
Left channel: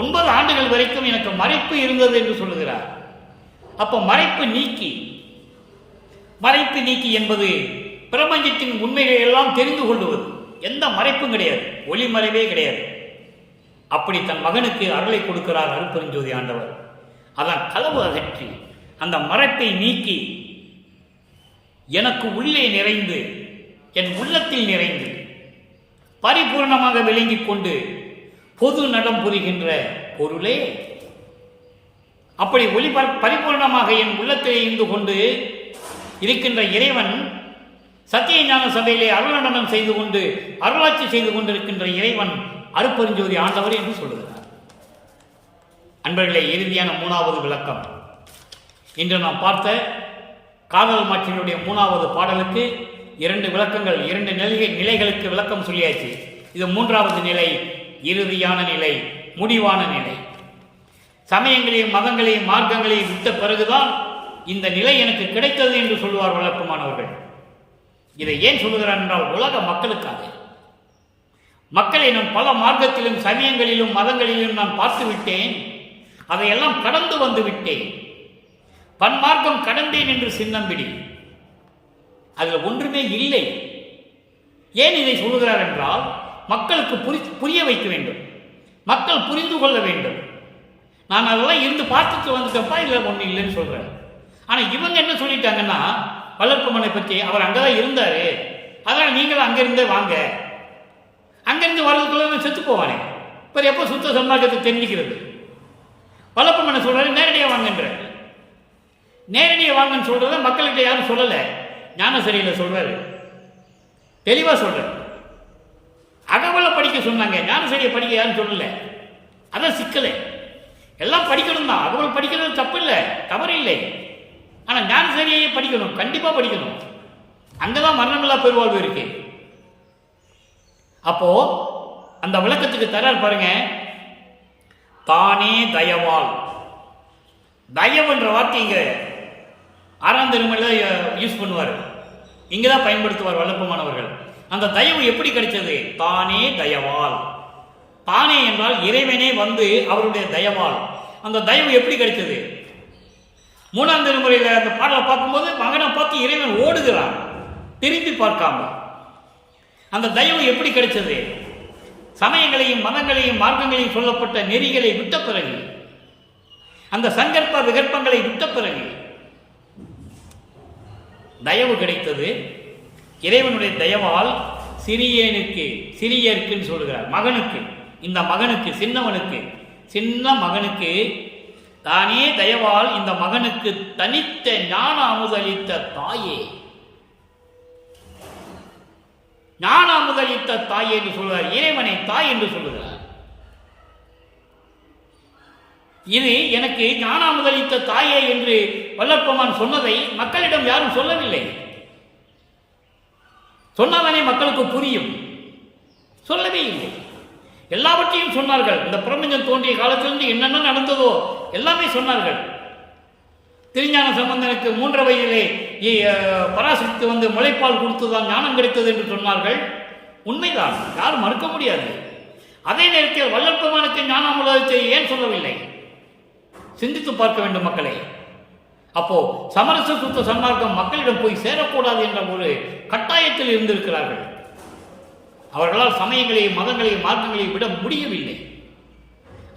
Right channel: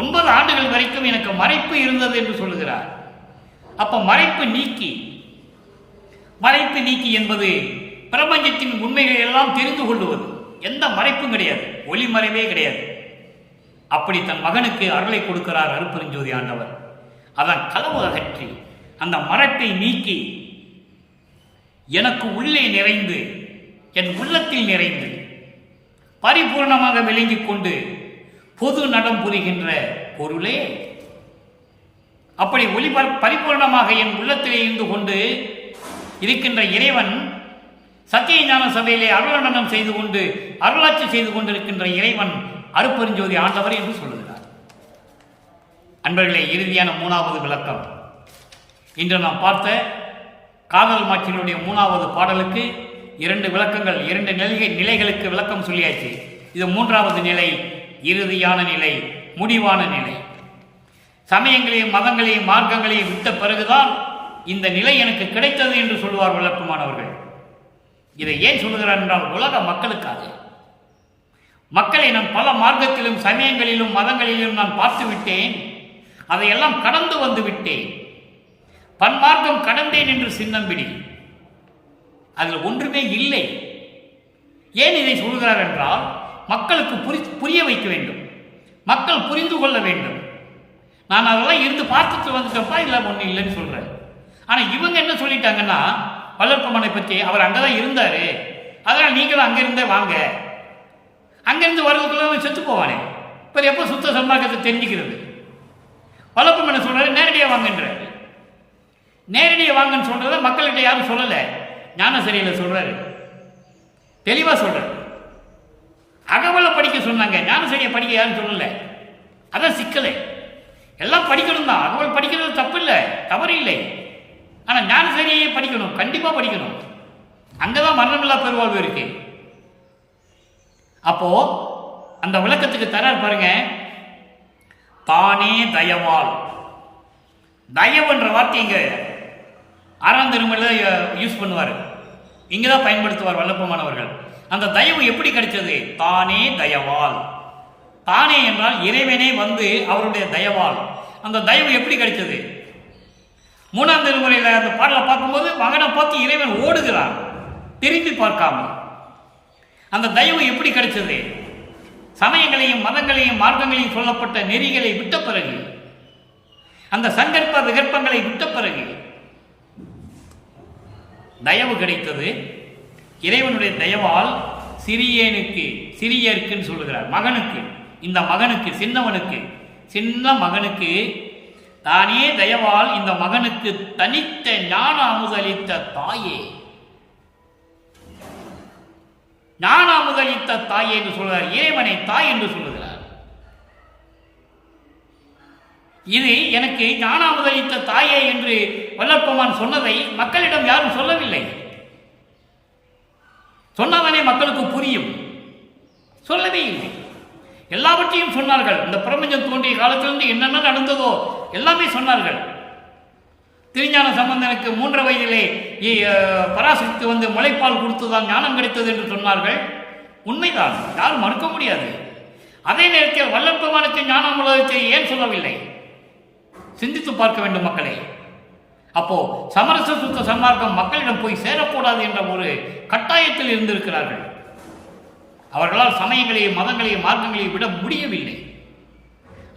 9 ஆண்டுகள் வரைக்கும் எனக்கு மறைப்பு இருந்தது என்று சொல்லுகிறார். அப்ப மறைப்பு நீக்கி. மறைப்பு நீக்கி என்பது பிரபஞ்சத்தின் உண்மைகளை எல்லாம் தெரிந்து கொள்வது. எந்த மறைப்பும் கிடையாது, ஒளிமறைவே கிடையாது. அப்படி தன் மகனுக்கு அருளை கொடுக்கிறார் அருட்பெருஞ்சோதி ஆண்டவர். அதான் களவு அகற்றி, அந்த மறைப்பை நீக்கி எனக்கு உள்ளே நிறைந்து, என் உள்ளத்தில் நிறைந்து பரிபூர்ணமாக விளங்கிக் கொண்டு பொது நடம் புரிகின்ற பொருளே. அப்படி பரிபூர்ணமாக என் உள்ளத்திலே இருந்து கொண்டு இருக்கின்ற இறைவன், சத்திய ஞான சபையிலே அருளடனம் செய்து கொண்டு அருளாட்சி செய்து கொண்டிருக்கின்ற இறைவன் அருட்பெருஞ்சோதி ஆண்டவர் என்று சொல்லுகிறார். அன்பர்களே, இறுதியான 3வது விளக்கம். இன்று நாம் பார்த்த காதல் மாட்சியினுடைய 3வது பாடலுக்கு 2 விளக்கங்கள், 2 நிலைகளுக்கு விளக்கம் சொல்லியாச்சு. இது 3வது நிலை, இறுதியான நிலை, முடிவான நிலை. சமயங்களையும் மதங்களையும் மார்க்கங்களையும் விட்ட பிறகுதான் இந்த நிலை எனக்கு கிடைத்தது என்று சொல்லுவார் வல்லப்பெருமானவர்கள். இதை ஏன் சொல்லுகிறார் என்றால், உலக மக்களுக்காக. மக்களை நான் பல மார்க்கத்திலும் சமயங்களிலும் மதங்களிலும் நான் பார்த்து விட்டேன், அதையெல்லாம் கடந்து வந்து விட்டேன். பன்மார்க்கம் கடந்தேன் என்று சின்னம்பிடி. அதில் ஒன்றுமே இல்லை. ஏன் இதை சொல்கிறார் என்றால், மக்களுக்கு புரிய வைக்க வேண்டும், மக்கள் புரிந்து கொள்ள வேண்டும். நான் அதெல்லாம் இருந்து பார்த்துட்டு வந்துட்டப்பா, இல்லை ஒன்றும் இல்லைன்னு சொல்றேன். ஆனால் இவங்க என்ன சொல்லிட்டாங்கன்னா, வல்லற்பெருமானை பற்றி அவர் அங்கதான் இருந்தாரு, அதனால் நீங்களும் அங்கிருந்தே வாங்க. அங்கிருந்து வரதுக்குள்ள செத்து போவானே, இப்போ எப்போ சுத்த சன்மார்க்கத்தை தெரிஞ்சுக்கிறது? வல்லற்பெருமானை சொல்றாரு நேரடியாக வாங்கன்ற. நேரடியாக வாங்கன்னு சொல்றத மக்கள்கிட்ட யாரும் சொல்லலை, ஞானசரியில் சொல்றாரு, தெளிவா சொல்றாரு. அகவலை படிக்க சொன்னாங்க, ஞானசரியை படிக்க யாரும் சொல்லல. அதான் சிக்கலை. எல்லாம் படிக்கணும் தான், அகவல் படிக்கிறது தப்பு இல்லை, தவறு இல்லை. ஆனால் ஞானசரியை படிக்கணும், கண்டிப்பாக படிக்கணும். அங்கதான் மரணமில்லா பெருவாழ்வு இருக்கு. அப்போ அந்த விளக்கத்துக்கு தரார் பாருங்க. தானே தயவால், தயவுன்ற வார்த்தை இங்க 6ஆம் திருமுறையில் யூஸ் பண்ணுவார், இங்கதான் பயன்படுத்துவார் வல்லப்பமானவர்கள். அந்த தயவு எப்படி கிடைச்சது? தானே தயவால். தானே என்றால் இறைவனே வந்து அவருடைய தயவால். அந்த தயவு எப்படி கிடைச்சது? 3ஆம் திருமுறையில் அந்த பாடலை பார்க்கும்போது மகனை பார்த்து இறைவன் ஓடுகிறான், திரும்பி பார்க்காம. அந்த தயவு எப்படி கிடைச்சது? சமயங்களையும் மதங்களையும் மார்க்கங்களையும் சொல்லப்பட்ட நெறிகளை விட்ட பிறகு, அந்த சங்கற்ப விகற்பங்களை விட்ட பிறகு தயவு கிடைத்தது. இறைவனுடைய தயவால் சிறியனுக்கு, சிறியருக்குன்னு சொல்லுகிறார், மகனுக்கு, இந்த மகனுக்கு, சின்ன மகனுக்கு தானே தயவால் இந்த மகனுக்கு தனித்த ஞான அமுதளித்த தாயே, ஞான அமுதளித்த தாயே என்று சொல்கிறார். இறைவனை தாய் என்று சொல்லுகிறார். இது எனக்கு ஞான அமுதளித்த தாயே என்று வல்லற்பெருமான் சொன்னதை மக்களிடம் யாரும் சொல்லவில்லை. சொன்னாதானே மக்களுக்கு புரியும். சொல்லவே இல்லை. எல்லாவற்றையும் சொன்னார்கள். இந்த பிரபஞ்சம் தோன்றிய காலத்திலிருந்து என்னென்ன நடந்ததோ எல்லாமே சொன்னார்கள். திருஞான சம்பந்தனுக்கு 3 வயதிலே பராசக்தி வந்து முளைப்பால் கொடுத்துதான் ஞானம் கிடைத்தது என்று சொன்னார்கள். உண்மைதான், யாரும் மறுக்க முடியாது. அதே நேரத்தில் வல்லற்பெருமானுக்கு ஞான அமுதத்தை ஏன் சொல்லவில்லை? சிந்தித்து பார்க்க வேண்டும் மக்களே. அப்போ சமரச சுத்த சன்மார்க்கம் மக்களிடம் போய் சேரக்கூடாது என்ற ஒரு கட்டாயத்தில் இருந்திருக்கிறார்கள். அவர்களால் சமயங்களையும் மதங்களையும் மார்க்கங்களையும் விட முடியவில்லை.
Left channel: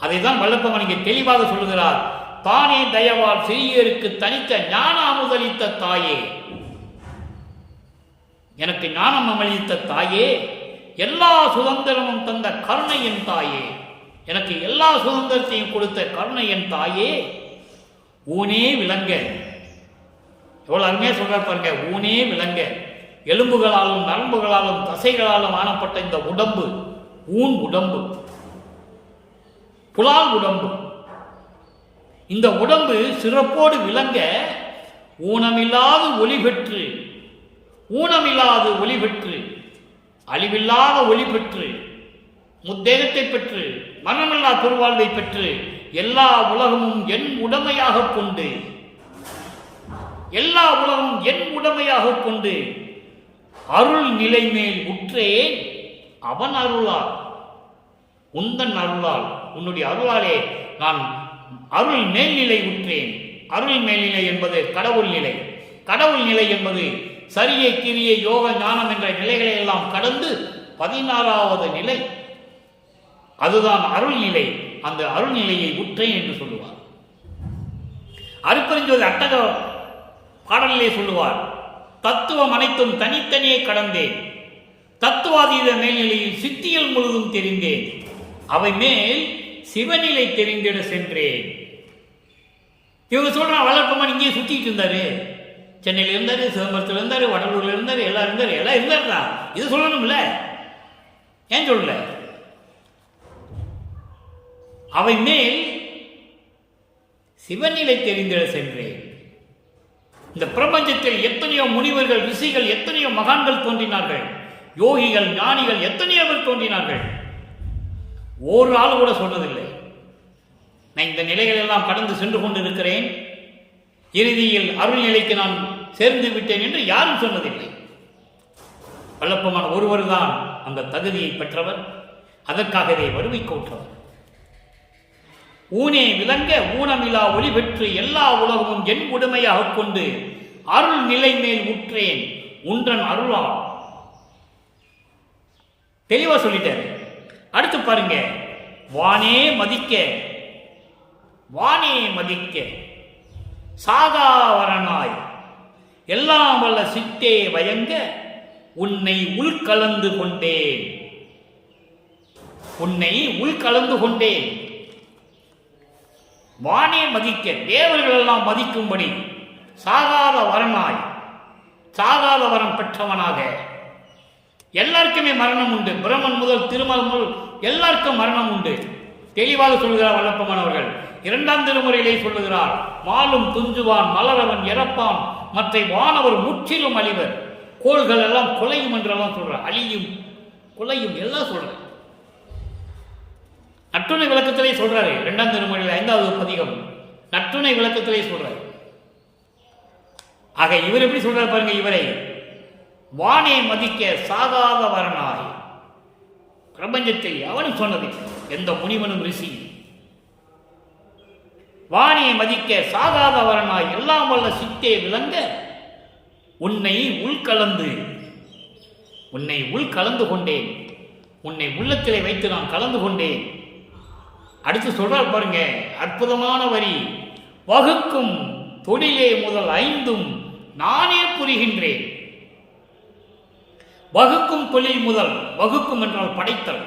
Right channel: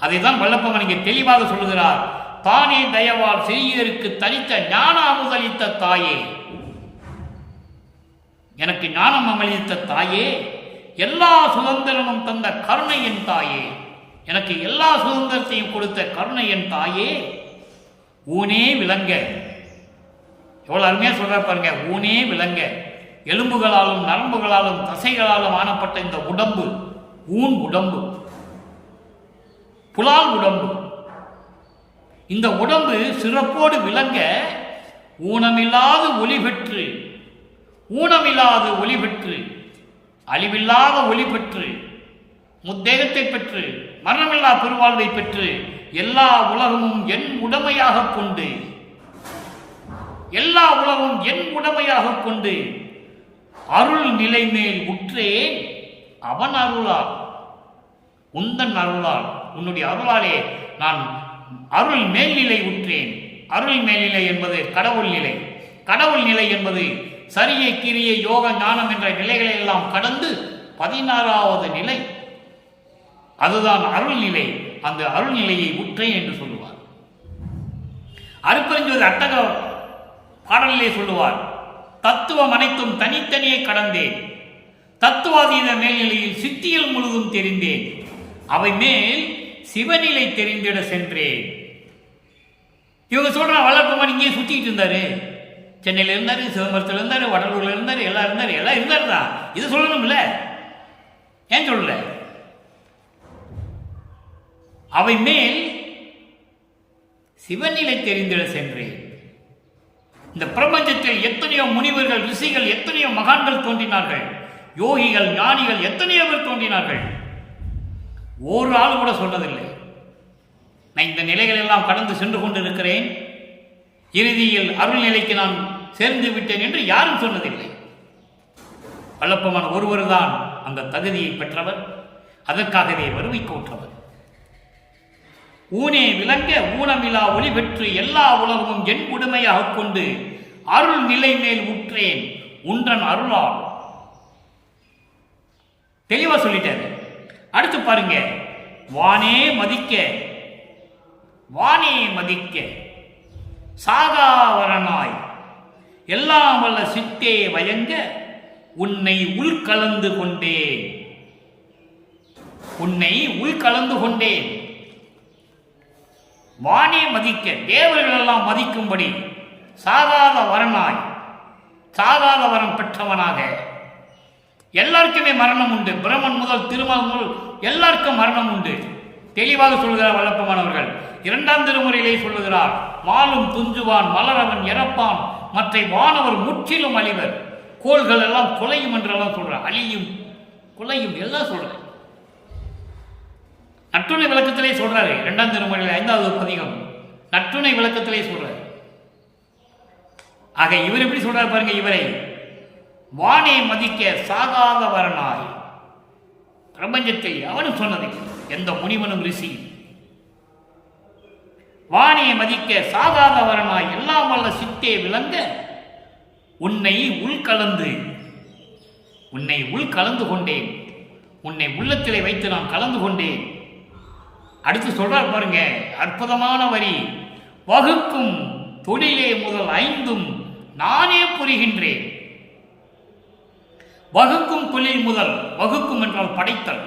அதைதான் வல்லப்பெருமான் இங்கே தெளிவாக சொல்லுகிறார். தானே தயவால் சிறியருக்கு தனித்த ஞான அமுதளித்த தாயே, எனக்கு ஞானம் அமளித்த தாயே, எல்லா சுதந்திரமும் தந்த கருணையின் தாயே, எனக்கு எல்லா சுதந்திரத்தையும் கொடுத்த கருணையின் தாயே, ஊனே விளங்க. எவ்வளவு அருமையா சொல்ற பாருங்க. ஊனே விளங்க. எலும்புகளாலும் நரம்புகளாலும் தசைகளாலும் ஆனப்பட்ட இந்த உடம்பு, ஊன் உடம்பு, புலால் உடம்பு, இந்த உடம்பு சிறப்போடு விளங்க ஊனமில்லாத ஒளி பெற்று, ஊனமில்லாத ஒளி பெற்று, அழிவில்லாத ஒளி பெற்று, முத்தேகத்தை பெற்று, மரணமில்லா பெருவாழ்வை பெற்று, எல்லா உலகமும் என் உடமையாக கொண்டு, எல்லா உலகமும் என் உடமையாக கொண்டு அருள் நிலை மேல் உற்றேன் அவன் அருளால், உந்தன் அருளால், உன்னுடைய அருளாலே நான் அருள் மேல்நிலை உற்றேன். அருள் மேல்நிலை என்பது கடவுள் நிலை. கடவுள் நிலை என்பது சரியை கிரியை யோக ஞானம் என்ற நிலைகளை எல்லாம் கடந்து 16வது நிலை, அதுதான் அருள் நிலை. அந்த அருள் நிலையை உற்றேன் என்று சொல்லுவார். அருட்பெருஞ்சோதி அட்டக பாடலிலே சொல்லுவார். தத்துவம் அனைத்தும் தனித்தனியே கடந்தேன், தத்துவாதீத மேல்நிலையில் சித்தியல் முழுதும் தெரிந்தேன், அவை மேல் சிவநிலை தெரிந்திட சென்றேன். இவங்க சொல்ற வல்லற்பெருமான் இங்கே சுத்திட்டு இருந்தாரு. சென்னையில் இருந்தாரு, சிதம்பரத்தில் இருந்தாரு, வடலூர்ல இருந்தாரு, எல்லாம் இருந்தாரு தான். இது சொல்லணும்ல, ஏன் சொல்லல? அவை மேல் சிவநிலை தெரிந்திட சென்றேன். இந்த பிரபஞ்சத்தில் எத்தனையோ முனிவர்கள், ரிஷிகள், எத்தனையோ மகான்கள் தோன்றினார்கள், யோகிகள், ஞானிகள் எத்தனையோ பேர் தோன்றினார்கள். ஒரு ஆள் கூட சொன்னதில்லை நான் இந்த நிலைகள் எல்லாம் கடந்து சென்று கொண்டிருக்கிறேன், இறுதியில் அருள் நிலைக்கு நான் சேர்ந்து விட்டேன் என்று யாரும் சொன்னதில்லை. வல்லப்பெருமான் ஒருவர் தான் அந்த தகுதியை பெற்றவர், அதற்காகவே வறுமை கோற்றவர். ஊனே விளங்க ஊனமிலா ஒளி பெற்று எல்லா உலகமும் என் உடைமையாக கொண்டு அருள் நிலை மேல் உற்றேன் உன்றன் அருளால். தெளிவா சொல்லிட்டாரு. அடுத்து பாருங்க. வானே மதிக்க, வானே மதிக்க சாகாவரனாய் எல்லாம் வல்ல சித்தே வயங்க உன்னை உள்கலந்து கொண்டேன், உன்னை உள்கலந்து கொண்டேன். வானே மதிக்க, தேவர்கள் எல்லாம் மதிக்கும்படி சாகாத வரனாய், சாகாத வரம் பெற்றவனாக எல்லாருக்குமே மரணம் உண்டு. பிரமன் முதல் திருமணம் முதல் எல்லாருக்கும் மரணம் உண்டு. தெளிவாக சொல்கிறார் வல்லப்பமானவர்கள். 2ஆம் திருமுறையிலே சொல்லுகிறார், மாலும் துஞ்சுவான் மலரவன் இறப்பான் மற்ற வானவர் முற்றிலும் அழிவர், கோள்கள் எல்லாம் கொலையும் என்றெல்லாம் சொல்றார். அழியும் கொலையும் எல்லாம் சொல்றாரு. நற்றுணை விளக்கத்திலே சொல்றாரு. 2ஆம் திருமுறையில் 5வது பதிகம் நற்றுணை விளக்கத்திலே சொல்றாரு. ஆக இவர் எப்படி சொல்றாரு பாருங்க. இவரை வானே மதிக்க சாகாத வரனாய், பிரபஞ்சத்தை அவனும் சொன்னதில்லை எந்த முனிவனும் ரிஷி. வானே மதிக்க சாகாத வரனாய் எல்லாம் வல்ல சித்தே விளங்க உன்னை உள்கலந்து கொண்டேன், உன்னை உள்ளத்திலே வைத்து நான் கலந்து கொண்டேன். அடுத்து சொல்றார் பாருங்க, அற்புதமான வரி. வகுக்கும் தொழிலே முதல் 5ம் நானே புரிகின்றேன். வகுக்கும் தொழில் முதல், வகுக்கும் என்றால் படைத்தல்,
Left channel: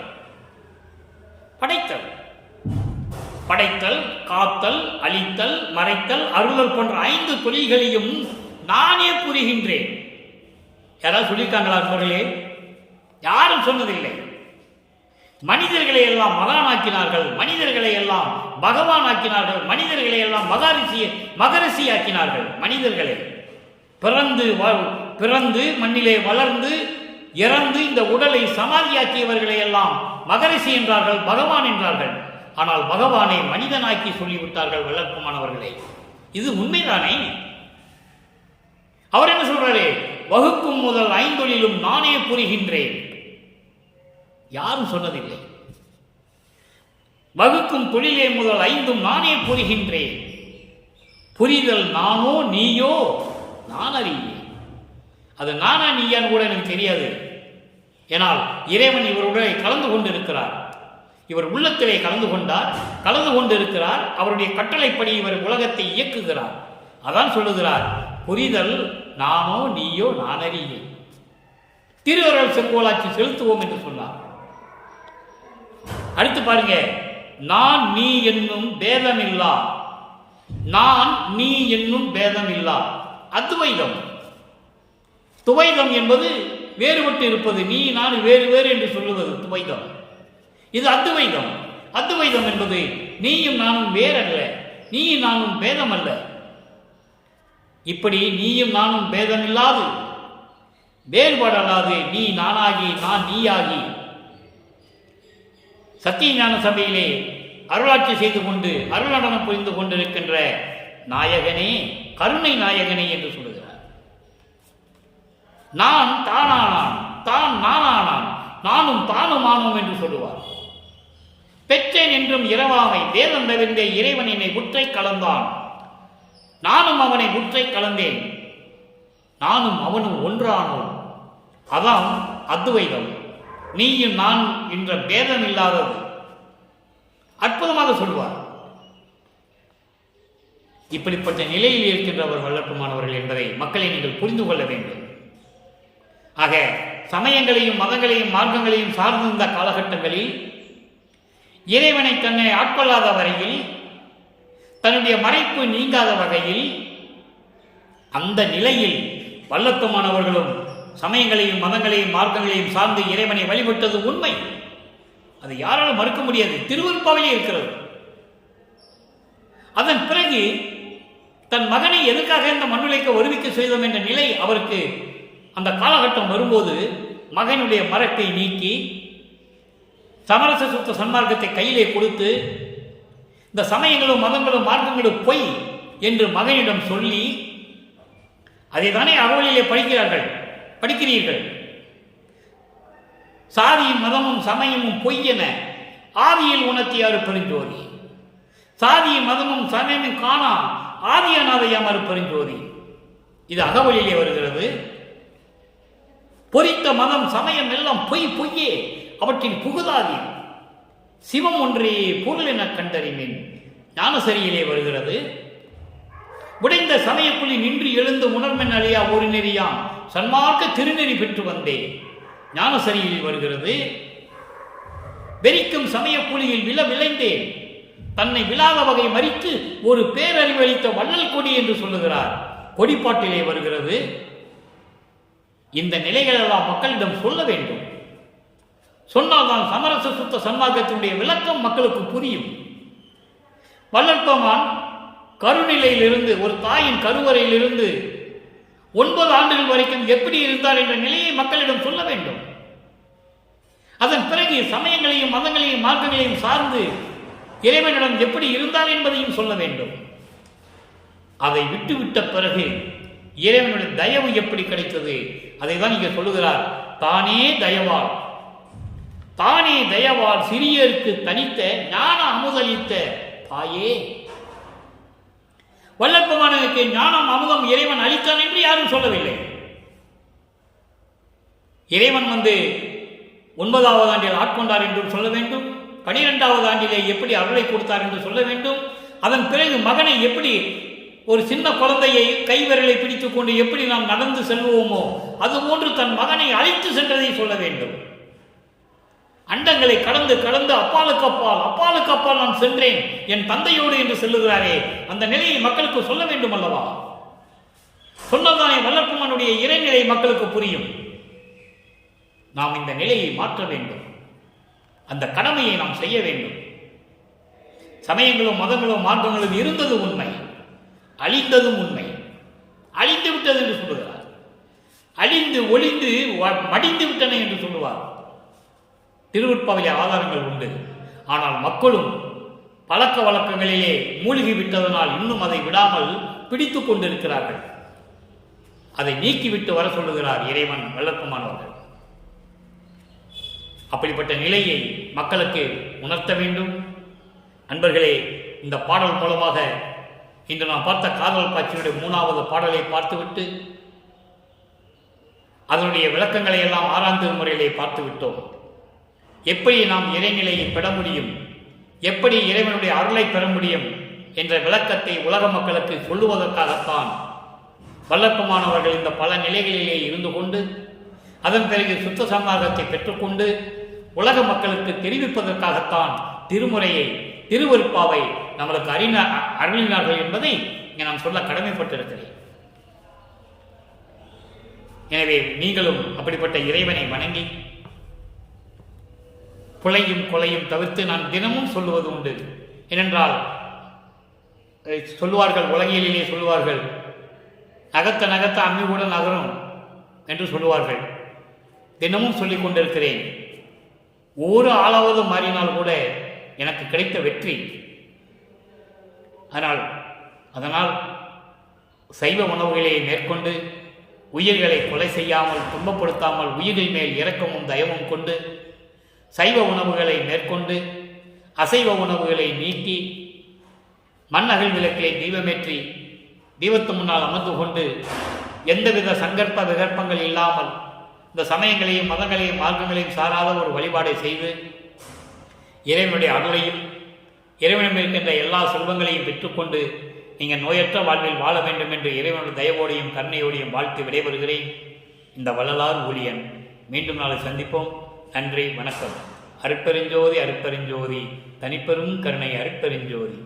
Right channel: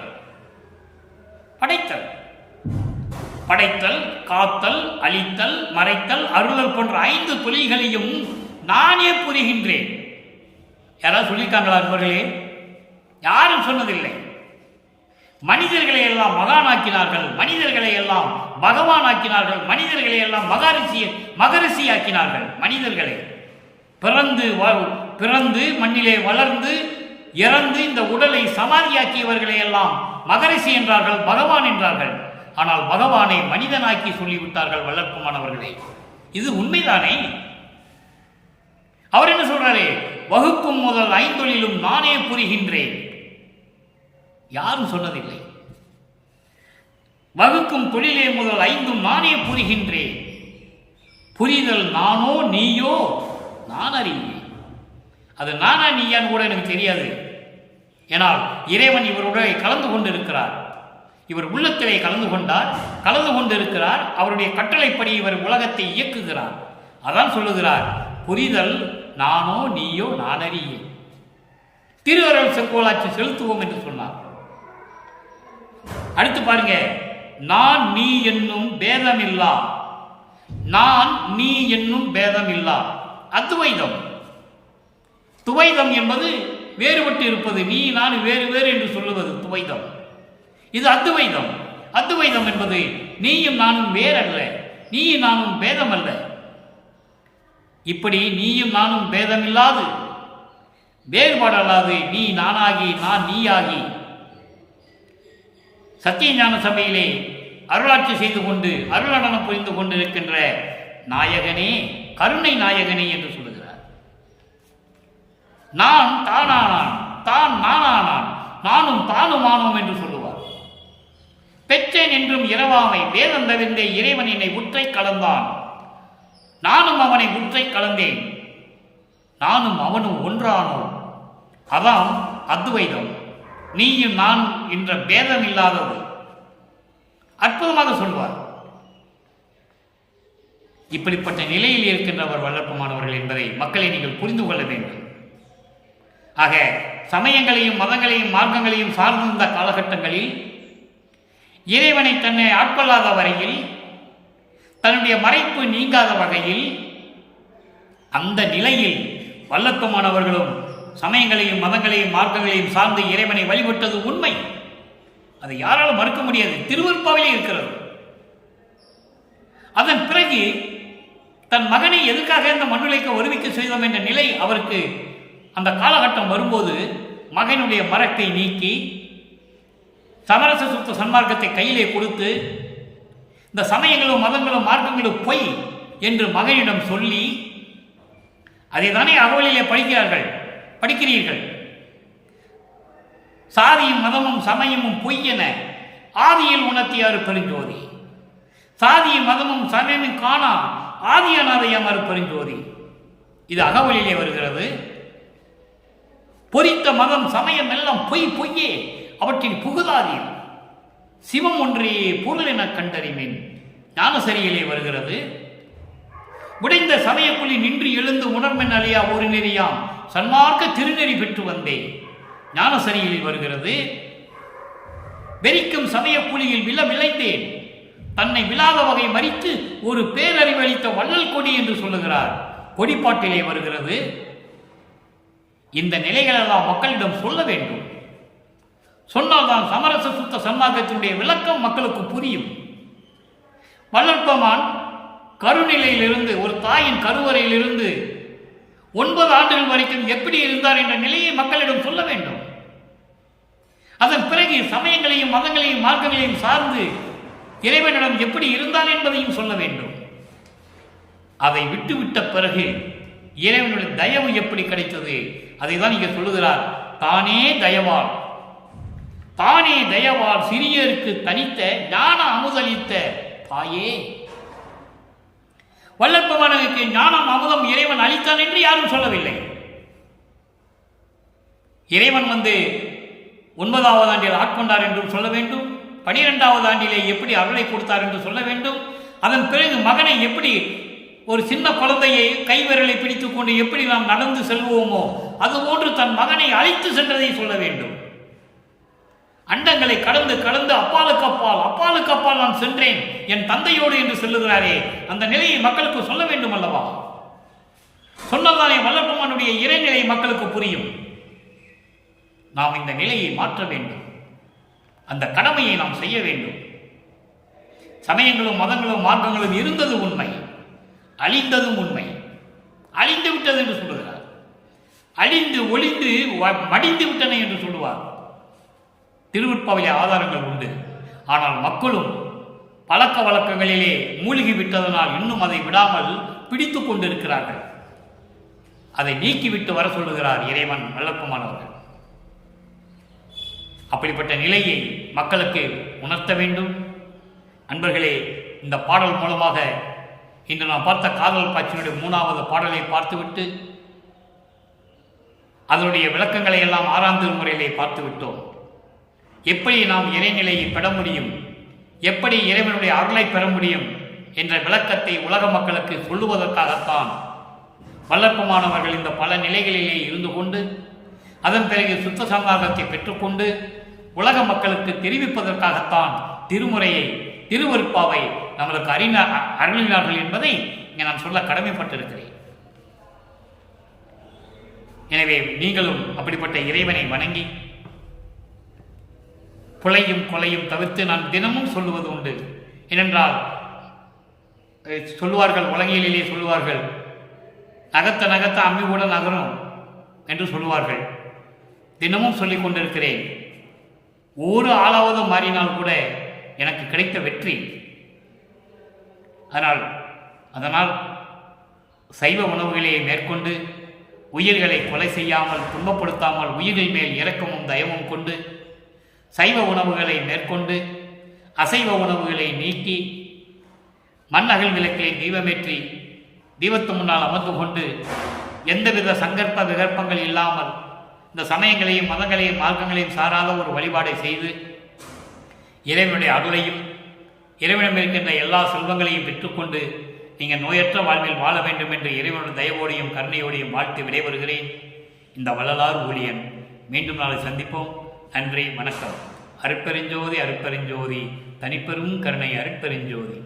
காத்தல், அழித்தல், மறைத்தல், அருளல் போன்ற 5 தொழில்களையும் நானே புரிகின்றேன். யாராவது சொல்லியிருக்காங்களா நண்பர்களே? யாரும் சொன்னதில்லை. மனிதர்களை எல்லாம் மகானாக்கினார்கள், மனிதர்களை எல்லாம் பகவான் ஆக்கினார்கள், மனிதர்களை எல்லாம் மகரிஷி ஆக்கினார்கள். மனிதர்களை பிறந்து மண்ணிலே வளர்ந்து இறந்து இந்த உடலை சமாதியாக்கியவர்களை எல்லாம் மகரிஷி என்றார்கள், பகவான் என்றார்கள். ஆனால் பகவானை மனிதனாக்கி சொல்லிவிட்டார்கள் வல்லற்பமானவர்களை. இது உண்மைதானே? அவர் என்ன சொல்றாரு? வகுக்கும் முதல் 5 நானே புரிகின்றேன். யாரும் சொன்னதில்லை. வகுக்கும் தொழிலே முதல் 5ம் நானே புரிகின்றேன். புரிதல் நானோ நீயோ நான் அறியேன். அது நானா நீயான்னு கூட எனக்கு தெரியாது. ஏனால் இறைவன் இவருடைய கலந்து கொண்டிருக்கிறார். இவர் உள்ளத்திலே கலந்து கொண்டிருக்கிறார். அவருடைய கட்டளைப்படி இவர் உலகத்தை இயக்குகிறார். அதான் சொல்லுகிறார், புரிதல் நானோ நீயோ நான் அறியேன். திருவருள் செங்கோலாட்சி செலுத்துவோம் என்று சொன்னார். அடுத்து பாருங்க, நான் நீ என்னும் பேதமில்லா, நான் நீ என்னும் பேதமில்லா அத்வைதம். துவைதம் என்பது வேறுபட்டு இருப்பது, நீ நான் வேறு வேறு என்று சொல்லுவது துவைதம். இது அத்வைதம். அத்வைதம் என்பது நீயும் நானும் வேறல்ல, நீயும் நானும் பேதம் அல்ல. இப்படி நீயும் நானும் பேதமில்லாது, வேறுபாடல்லாது, நீ நானாகி நான் நீயாகி சத்தியஞான சபையிலே அருளாட்சி செய்து கொண்டு அருள் நடனம் புரிந்து கொண்டிருக்கின்ற நாயகனே, கருணை நாயகனே என்று சொல்லுகிறார். நான் தானானான், தான் நானானான், நானும் தானுமானோம் என்று சொல்லுவார். பெற்றேன் என்றும் இரவாமை வேதம் தவிர்ந்த இறைவன் என்னை உற்றை கலந்தான், நானும் அவனை உற்றை கலந்தேன், நானும் அவனும் ஒன்றானோம். அதான் அத்வைதம். நீயும் நானும் என்ற பேதம் இல்லாதது. அற்புதமாக சொல்வார். இப்படிப்பட்ட நிலையில் இருக்கின்றவர் வல்லற்பமானவர்கள் என்பதை மக்களை நீங்கள் புரிந்து கொள்ள வேண்டும். ஆக சமயங்களையும் மதங்களையும் மார்க்கங்களையும் சார்ந்திருந்த காலகட்டங்களில் இறைவனை தன்னை ஆட்கொள்ளாத வரையில், தன்னுடைய மறைப்பு நீங்காத வகையில், அந்த நிலையில் வல்லத்துமானவர்களும் சமயங்களையும் மதங்களையும் மார்க்கங்களையும் சார்ந்து இறைவனை வழிபட்டது உண்மை. அது யாராலும் மறுக்க முடியாது. திருவருட்பாவிலே இருக்கிறது. அதன் பிறகு தன் மகனை எதற்காக இந்த மண்ணுலைக்கு வருவிக்க செய்தோம் என்ற நிலை அவருக்கு அந்த காலகட்டம் வரும்போது மகனுடைய மறைப்பை நீக்கி சமரச சுத்த சன்மார்க்கத்தை கையிலே கொடுத்து, இந்த சமயங்களும் மதங்களும் மார்க்கங்களும் பொய் என்று மகனிடம் சொல்லி, அதை தானே அகவலிலே படிக்கிறீர்கள். சாதியும் மதமும் சமயமும் பொய் என ஆதியில் உணர்த்தியாறு பெருஞ்சோதி, சாதியும் மதமும் சமயமும் காணா ஆதியானதையாமறு பெருஞ்சோதி. இது அகவலிலே வருகிறது. பொறித்த மதம் சமயம் எல்லாம் பொய்யே, அவற்றில் புகுதாதீர், சிவம் ஒன்றே பொருள் என கண்டறிவேன். ஞானசரியிலே வருகிறது. உடைந்த சமயக்குழி நின்று எழுந்து உணர்மென் அழியா ஒரு நெறியாம் சன்மார்க்க திருநெறி பெற்று வந்தேன். ஞானசரியில் வருகிறது. வெறிக்கும் சமயக்குழியில் விளைந்தேன், தன்னை விழாத வகை மறித்து ஒரு பேரறிவளித்த வள்ளல் கொடி என்று சொல்லுகிறார். கொடிப்பாட்டிலே வருகிறது. இந்த நிலைகளெல்லாம் மக்களிடம் சொல்ல வேண்டும். சொன்னால்தான் சமரச சுத்த சன்மார்க்கத்தினுடைய விளக்கம் மக்களுக்கு புரியும். வள்ளற்பெருமான் கருநிலையிலிருந்து, ஒரு தாயின் கருவறையிலிருந்து 9 ஆண்டுகள் வரைக்கும் எப்படி இருந்தார் என்ற நிலையை மக்களிடம் சொல்ல வேண்டும். அதன் பிறகு சமயங்களையும் மதங்களையும் மார்க்கங்களையும் சார்ந்து இறைவனிடம் எப்படி இருந்தார் என்பதையும் சொல்ல வேண்டும். அதை விட்டுவிட்ட பிறகு இறைவனுடைய தயவு எப்படி கிடைத்தது அதை தான் இங்கே சொல்லுகிறார். தானே தயவால், தானே தயவால் சிறியருக்கு தனித்த ஞான அமுதளித்த தாயே. வள்ளற்பெருமானுக்கு ஞானம் அமுதம் இறைவன் அளித்தான் என்று யாரும் சொல்லவில்லை. இறைவன் 9வது ஆண்டில் ஆட்கொண்டார் என்றும் சொல்ல வேண்டும். 12வது ஆண்டிலே எப்படி அருளை கொடுத்தார் என்று சொல்ல வேண்டும். அதன் பிறகு மகனை எப்படி, ஒரு சின்ன குழந்தையை கைவிரலை பிடித்துக் கொண்டு எப்படி நாம் நடந்து செல்வோமோ அதுபோன்று தன் மகனை அழைத்து சென்றதை சொல்ல வேண்டும். அண்டங்களை கடந்து கடந்து அப்பாலுக்கு அப்பால் நான் சென்றேன் என் தந்தையோடு என்று சொல்லுகிறாரே, அந்த நிலையை மக்களுக்கு சொல்ல வேண்டும் அல்லவா? சொன்னதானே வள்ளற்பெருமானுடைய இறைநிலை மக்களுக்கு புரியும். நாம் இந்த நிலையை மாற்ற வேண்டும். அந்த கடமையை நாம் செய்ய வேண்டும். சமயங்களும் மதங்களும் மார்க்கங்களும் இருந்தது உண்மை, அழிந்ததும் உண்மை. அழிந்து விட்டது என்று சொல்லுகிறார். அழிந்து ஒளிந்து மடிந்து விட்டன என்று சொல்லுவார். திருவருட்பாவிலே ஆதாரங்கள் உண்டு. ஆனால் மக்களும் பழக்க வழக்கங்களிலே மூழ்கி விட்டதனால் இன்னும் அதை விடாமல் பிடித்து கொண்டிருக்கிறார்கள். அதை நீக்கிவிட்டு வர சொல்லுகிறார் இறைவன் வள்ளற்பெருமானவர்கள். அப்படிப்பட்ட நிலையை மக்களுக்கு உணர்த்த வேண்டும். அன்பர்களே, இந்த பாடல் மூலமாக இன்று நாம் பார்த்த காதல் காட்சியினுடைய 3வது பாடலை பார்த்துவிட்டு அதனுடைய விளக்கங்களை எல்லாம் 6ஆம் திருமுறையிலே பார்த்து விட்டோம். எப்படி நாம் இறைநிலையை பெற முடியும், எப்படி இறைவனுடைய அருளை பெற முடியும் என்ற விளக்கத்தை உலக மக்களுக்கு சொல்லுவதற்காகத்தான் வள்ளற்பெருமானவர்கள் இந்த பல நிலைகளிலே இருந்து கொண்டு அதன் பிறகு சுத்த சன்மார்க்கத்தை பெற்றுக்கொண்டு உலக மக்களுக்கு தெரிவிப்பதற்காகத்தான் திருமுறையை, திருவருட்பாவை நம்மளுக்கு அருளினார்கள் என்பதை இங்கே நான் சொல்ல கடமைப்பட்டிருக்கிறேன். எனவே நீங்களும் அப்படிப்பட்ட இறைவனை வணங்கி புலையும் கொலையும் தவிர்த்து நான் தினமும் சொல்லுவது உண்டு. ஏனென்றால் சொல்லுவார்கள், உலகிலே சொல்லுவார்கள், நகத்த அம்மி கூட நகரும் என்று சொல்லுவார்கள். தினமும் சொல்லிக் கொண்டிருக்கிறேன். ஒரு ஆளாவது மாறினால் கூட எனக்கு கிடைத்த வெற்றி. அதனால் சைவ உணவுகளை மேற்கொண்டு உயிர்களை கொலை செய்யாமல் துன்பப்படுத்தாமல் உயிர்கள் மேல் இரக்கமும் தயவும் கொண்டு சைவ உணவுகளை மேற்கொண்டு அசைவ உணவுகளை நீக்கி மண்ணகல் விளக்கிலே தீபமேற்றி தீபத்து முன்னால் அமர்ந்து கொண்டு எந்தவித சங்கற்ப விகற்பங்கள் இல்லாமல் இந்த சமயங்களையும் மதங்களையும் மார்க்கங்களையும் சாராத ஒரு வழிபாடை செய்து இறைவனுடைய அருளையும் இறைவனிடம் இருக்கின்ற எல்லா செல்வங்களையும் பெற்றுக்கொண்டு நீங்கள் நோயற்ற வாழ்வில் வாழ வேண்டும் என்று இறைவனுடைய தயவோடையும் கருணையோடையும் வாழ்த்து விடைபெறுகிறேன். இந்த வள்ளலார் ஊழியன். மீண்டும் நாளை சந்திப்போம். நன்றி, வணக்கம். அருட்பெருஞ்சோதி அருட்பெருஞ்சோதி, தனிப்பெரும் கருணை அருட்பெருஞ்சோதி.